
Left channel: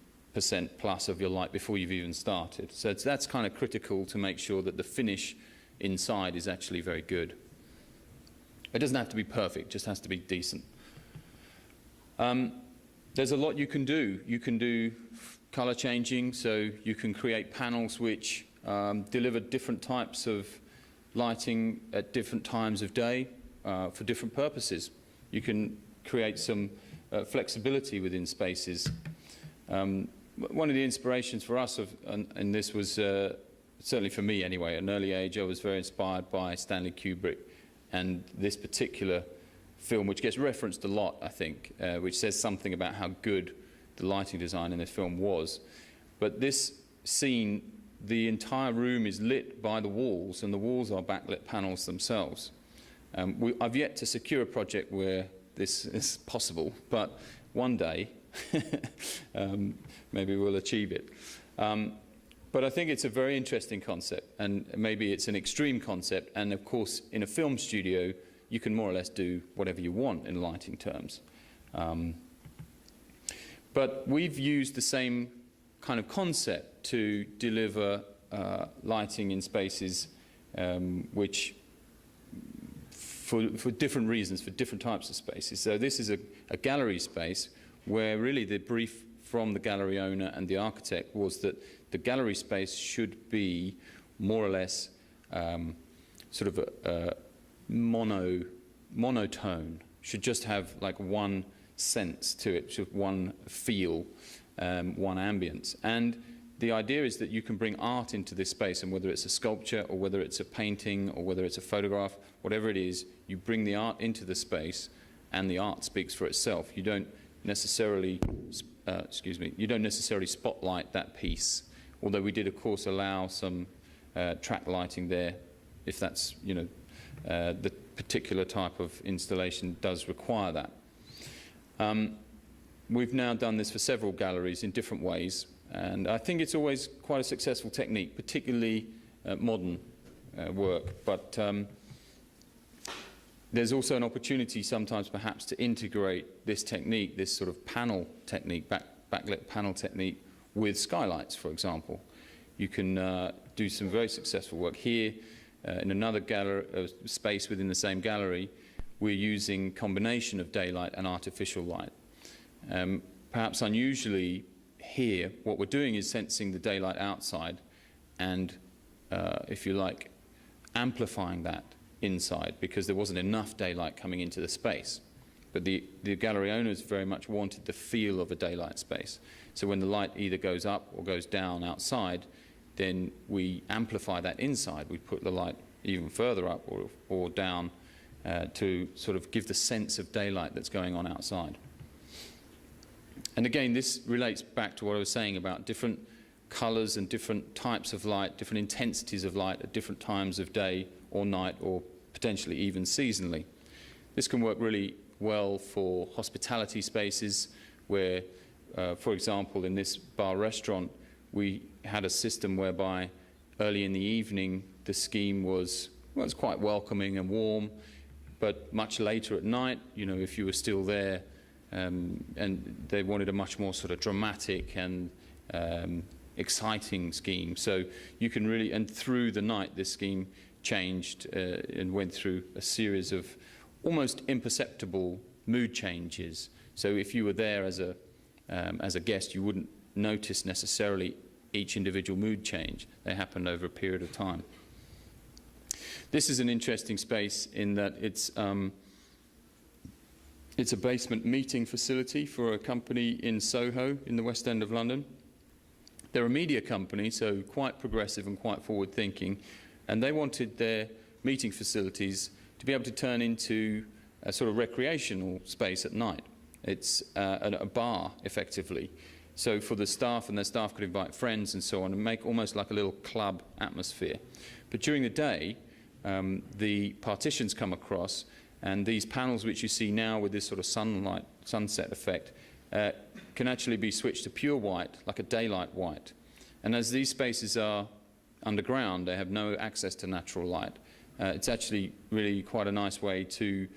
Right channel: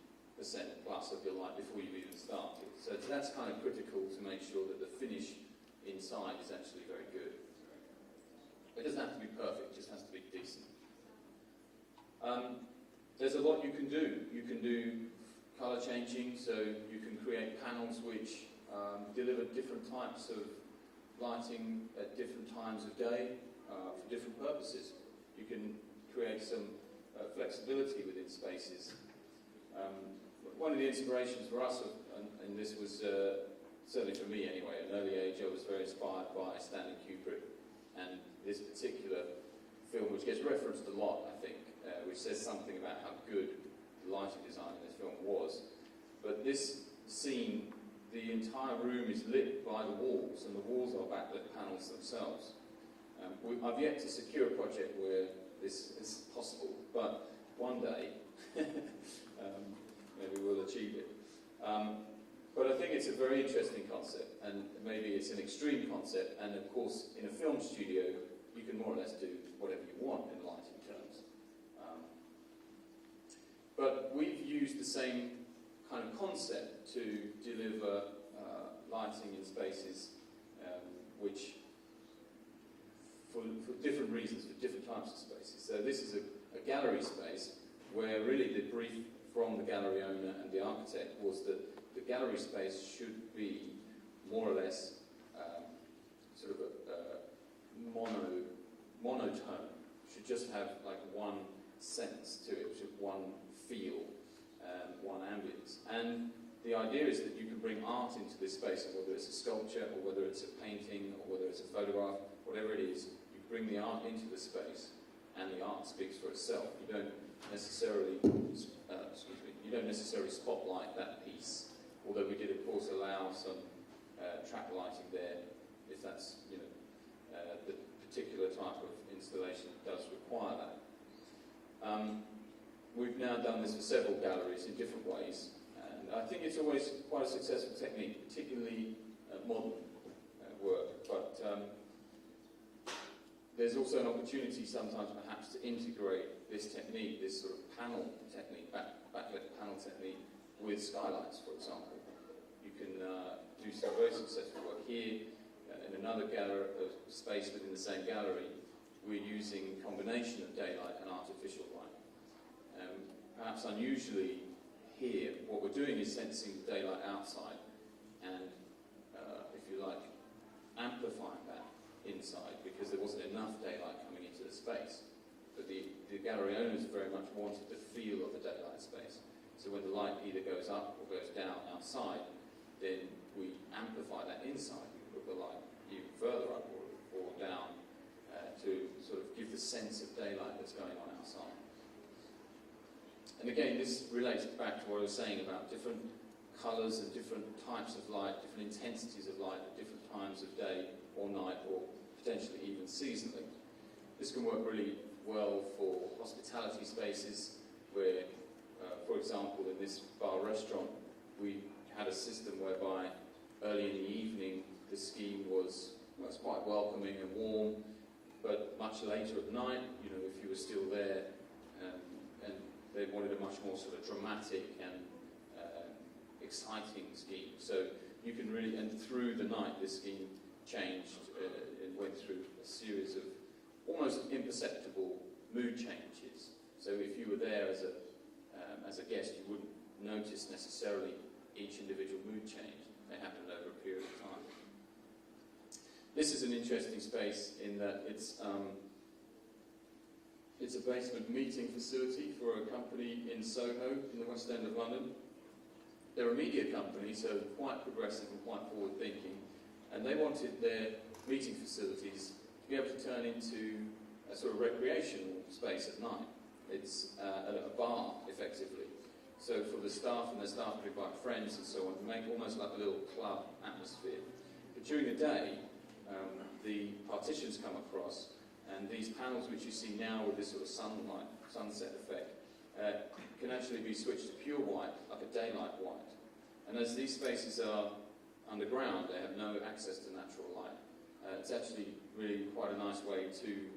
plus of your light before you've even started. So that's kind of critical to make sure that the finish inside is actually very good. It doesn't have to be perfect, it just has to be decent. There's a lot you can do. You can do color changing, so you can create panels which deliver different types of lighting at different times of day for different purposes. You can create some flexibility within spaces. One of the inspirations for us, and this was certainly for me anyway, at an early age I was very inspired by Stanley Kubrick and this particular film, which gets referenced a lot, I think, which says something about how good the lighting design in this film was. But this scene, the entire room is lit by the walls, and the walls are backlit panels themselves. I've yet to secure a project where this is possible, but one day, maybe we'll achieve it. But I think it's a very interesting concept, and maybe it's an extreme concept, and of course in a film studio you can more or less do whatever you want in lighting terms. But we've used the same kind of concept to deliver lighting in spaces which, for different reasons, for different types of spaces. So this is a gallery space where really the brief from the gallery owner and the architect was that the gallery space should be more or less sort of a monotone, should just have like one sense to it, should one feel, one ambience. And the idea is that you can bring art into this space, and whether it's a sculpture or whether it's a painting or whether it's a photograph, whatever it is, you bring the art into the space and the art speaks for itself. You don't necessarily, you don't necessarily spotlight that piece, although we did of course allow some track lighting there if that's, you know, the particular type of installation does require that. We've now done this for several galleries in different ways, and I think it's always quite a successful technique, particularly modern work. But there's also an opportunity sometimes perhaps to integrate this technique, this sort of panel technique, backlit panel technique, with skylights, for example. You can do some very successful work here. In another space within the same gallery, we're using combination of daylight and artificial light. Perhaps unusually here, what we're doing is sensing the daylight outside and, if you like, amplifying that inside, because there wasn't enough daylight coming into the space. But the gallery owners very much wanted the feel of a daylight space. So when the light either goes up or goes down outside, then we amplify that inside. We put the light even further up or down to sort of give the sense of daylight that's going on outside. And again, this relates back to what I was saying about different colours and different types of light, different intensities of light at different times of day or night, or potentially even seasonally. This can work really well for hospitality spaces where, for example, in this bar restaurant, we had a system whereby early in the evening the scheme was quite welcoming and warm, but much later at night, you know, if you were still there, and they wanted a much more sort of dramatic and exciting scheme. So you can really, and through the night this scheme changed and went through a series of almost imperceptible mood changes. So if you were there as a guest, you wouldn't notice necessarily each individual mood change. They happened over a period of time. This is an interesting space in that it's a basement meeting facility for a company in Soho in the West End of London. They're a media company, so quite progressive and quite forward-thinking, and they wanted their meeting facilities to be able to turn into a sort of recreational space at night. It's a bar, effectively. So for the staff, and their staff could invite friends and so on, and make almost like a little club atmosphere. But during the day, the partitions come across, and these panels which you see now with this sort of sunset effect can actually be switched to pure white, like a daylight white. And as these spaces are underground, they have no access to natural light. It's actually really quite a nice way to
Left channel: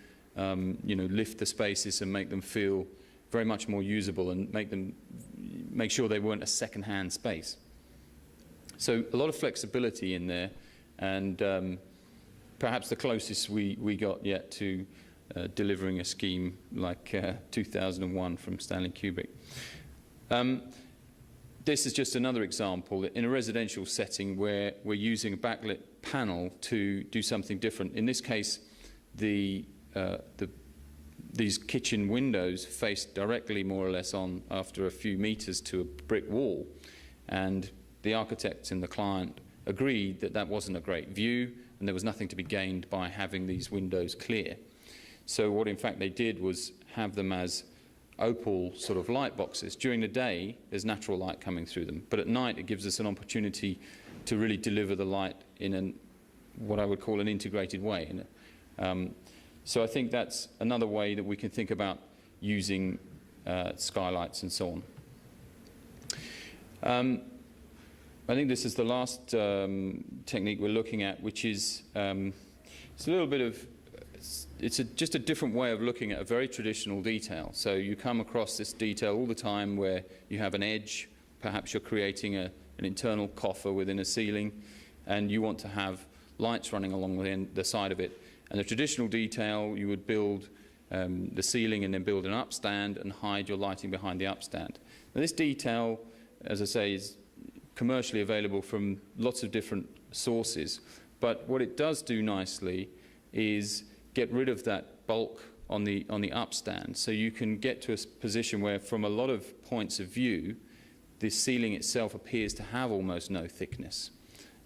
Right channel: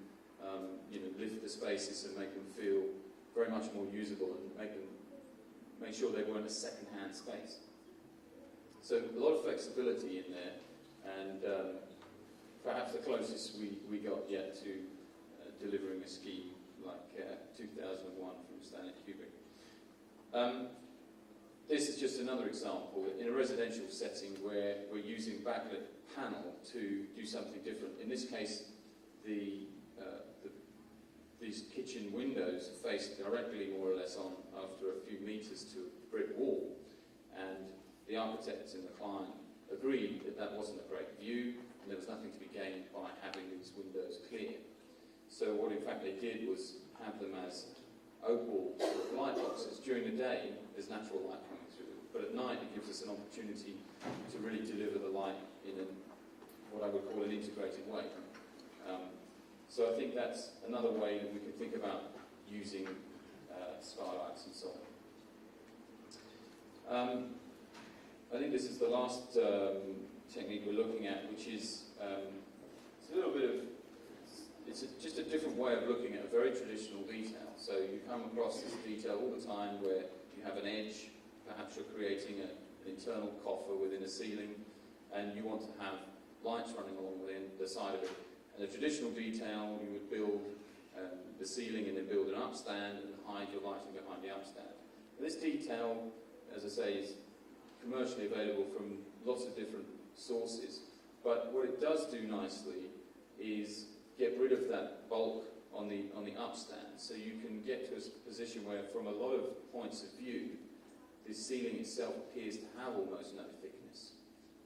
lift the spaces and make them feel very much more usable, and make sure they weren't a second-hand space. So a lot of flexibility in there, and perhaps the closest we got yet to delivering a scheme like 2001 from Stanley Kubrick. This is just another example in a residential setting where we're using a backlit panel to do something different. In this case, these kitchen windows face directly more or less on after a few meters to a brick wall, and the architect and the client agreed that that wasn't a great view and there was nothing to be gained by having these windows clear. So what in fact they did was have them as opal sort of light boxes. During the day there's natural light coming through them, but at night it gives us an opportunity to really deliver the light in what I would call an integrated way. So I think that's another way that we can think about using skylights and so on. I think this is the last technique we're looking at, which is it's a little bit of just a different way of looking at a very traditional detail. So you come across this detail all the time where you have an edge, perhaps you're creating an internal coffer within a ceiling, and you want to have lights running along the side of it. And the traditional detail, you would build the ceiling and then build an upstand and hide your lighting behind the upstand. Now this detail, as I say, is commercially available from lots of different sources, but what it does do nicely is get rid of that bulk on the upstand, so you can get to a position where from a lot of points of view the ceiling itself appears to have almost no thickness,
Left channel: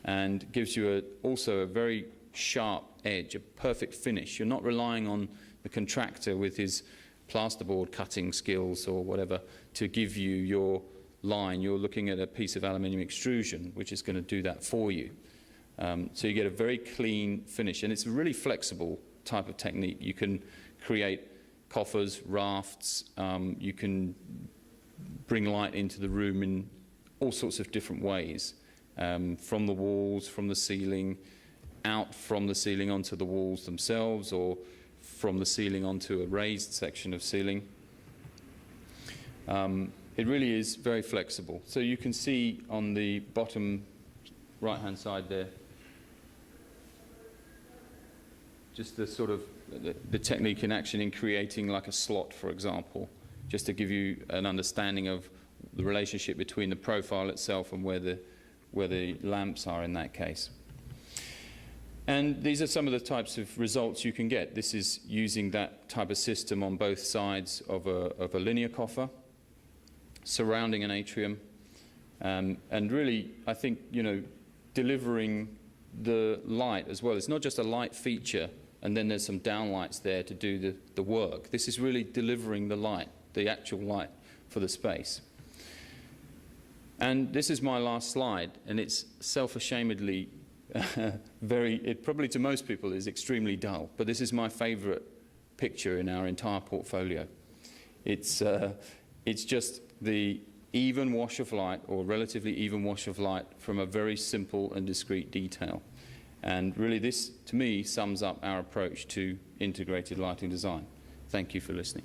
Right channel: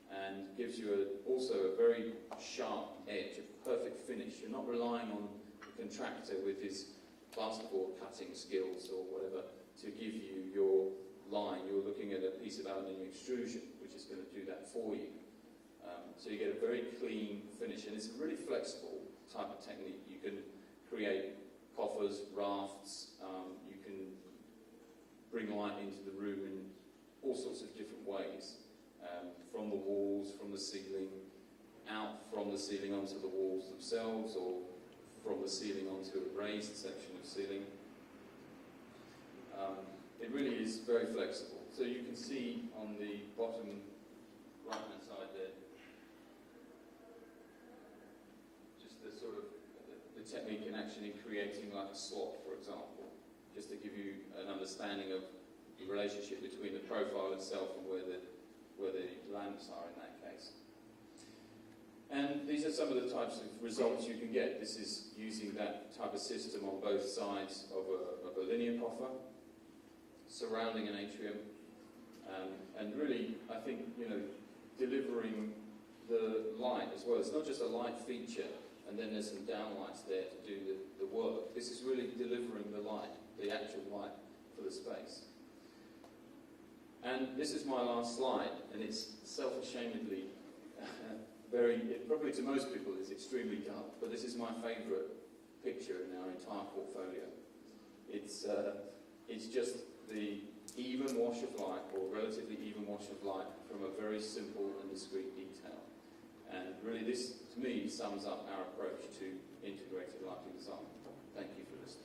and gives you also a very sharp edge, a perfect finish. You're not relying on the contractor with his plasterboard cutting skills or whatever to give you your line. You're looking at a piece of aluminium extrusion which is going to do that for you. So you get a very clean finish, and it's a really flexible type of technique. You can create coffers, rafts, you can bring light into the room in all sorts of different ways, from the walls, from the ceiling, out from the ceiling onto the walls themselves, or from the ceiling onto a raised section of ceiling. It really is very flexible. So you can see on the bottom right-hand side there, just the sort of the technique in action in creating like a slot, for example, just to give you an understanding of the relationship between the profile itself and where the lamps are in that case. And these are some of the types of results you can get. This is using that type of system on both sides of a linear coffer, surrounding an atrium, and really, I think, delivering the light as well. It's not just a light feature and then there's some downlights there to do the work. This is really delivering the light, the actual light for the space. And this is my last slide, and it's self-ashamedly it probably to most people is extremely dull, but this is my favorite picture in our entire portfolio. It's just the even wash of light, or relatively even wash of light, from a very simple and discrete detail. And really this, to me, sums up our approach to integrated lighting design. Thank you for listening.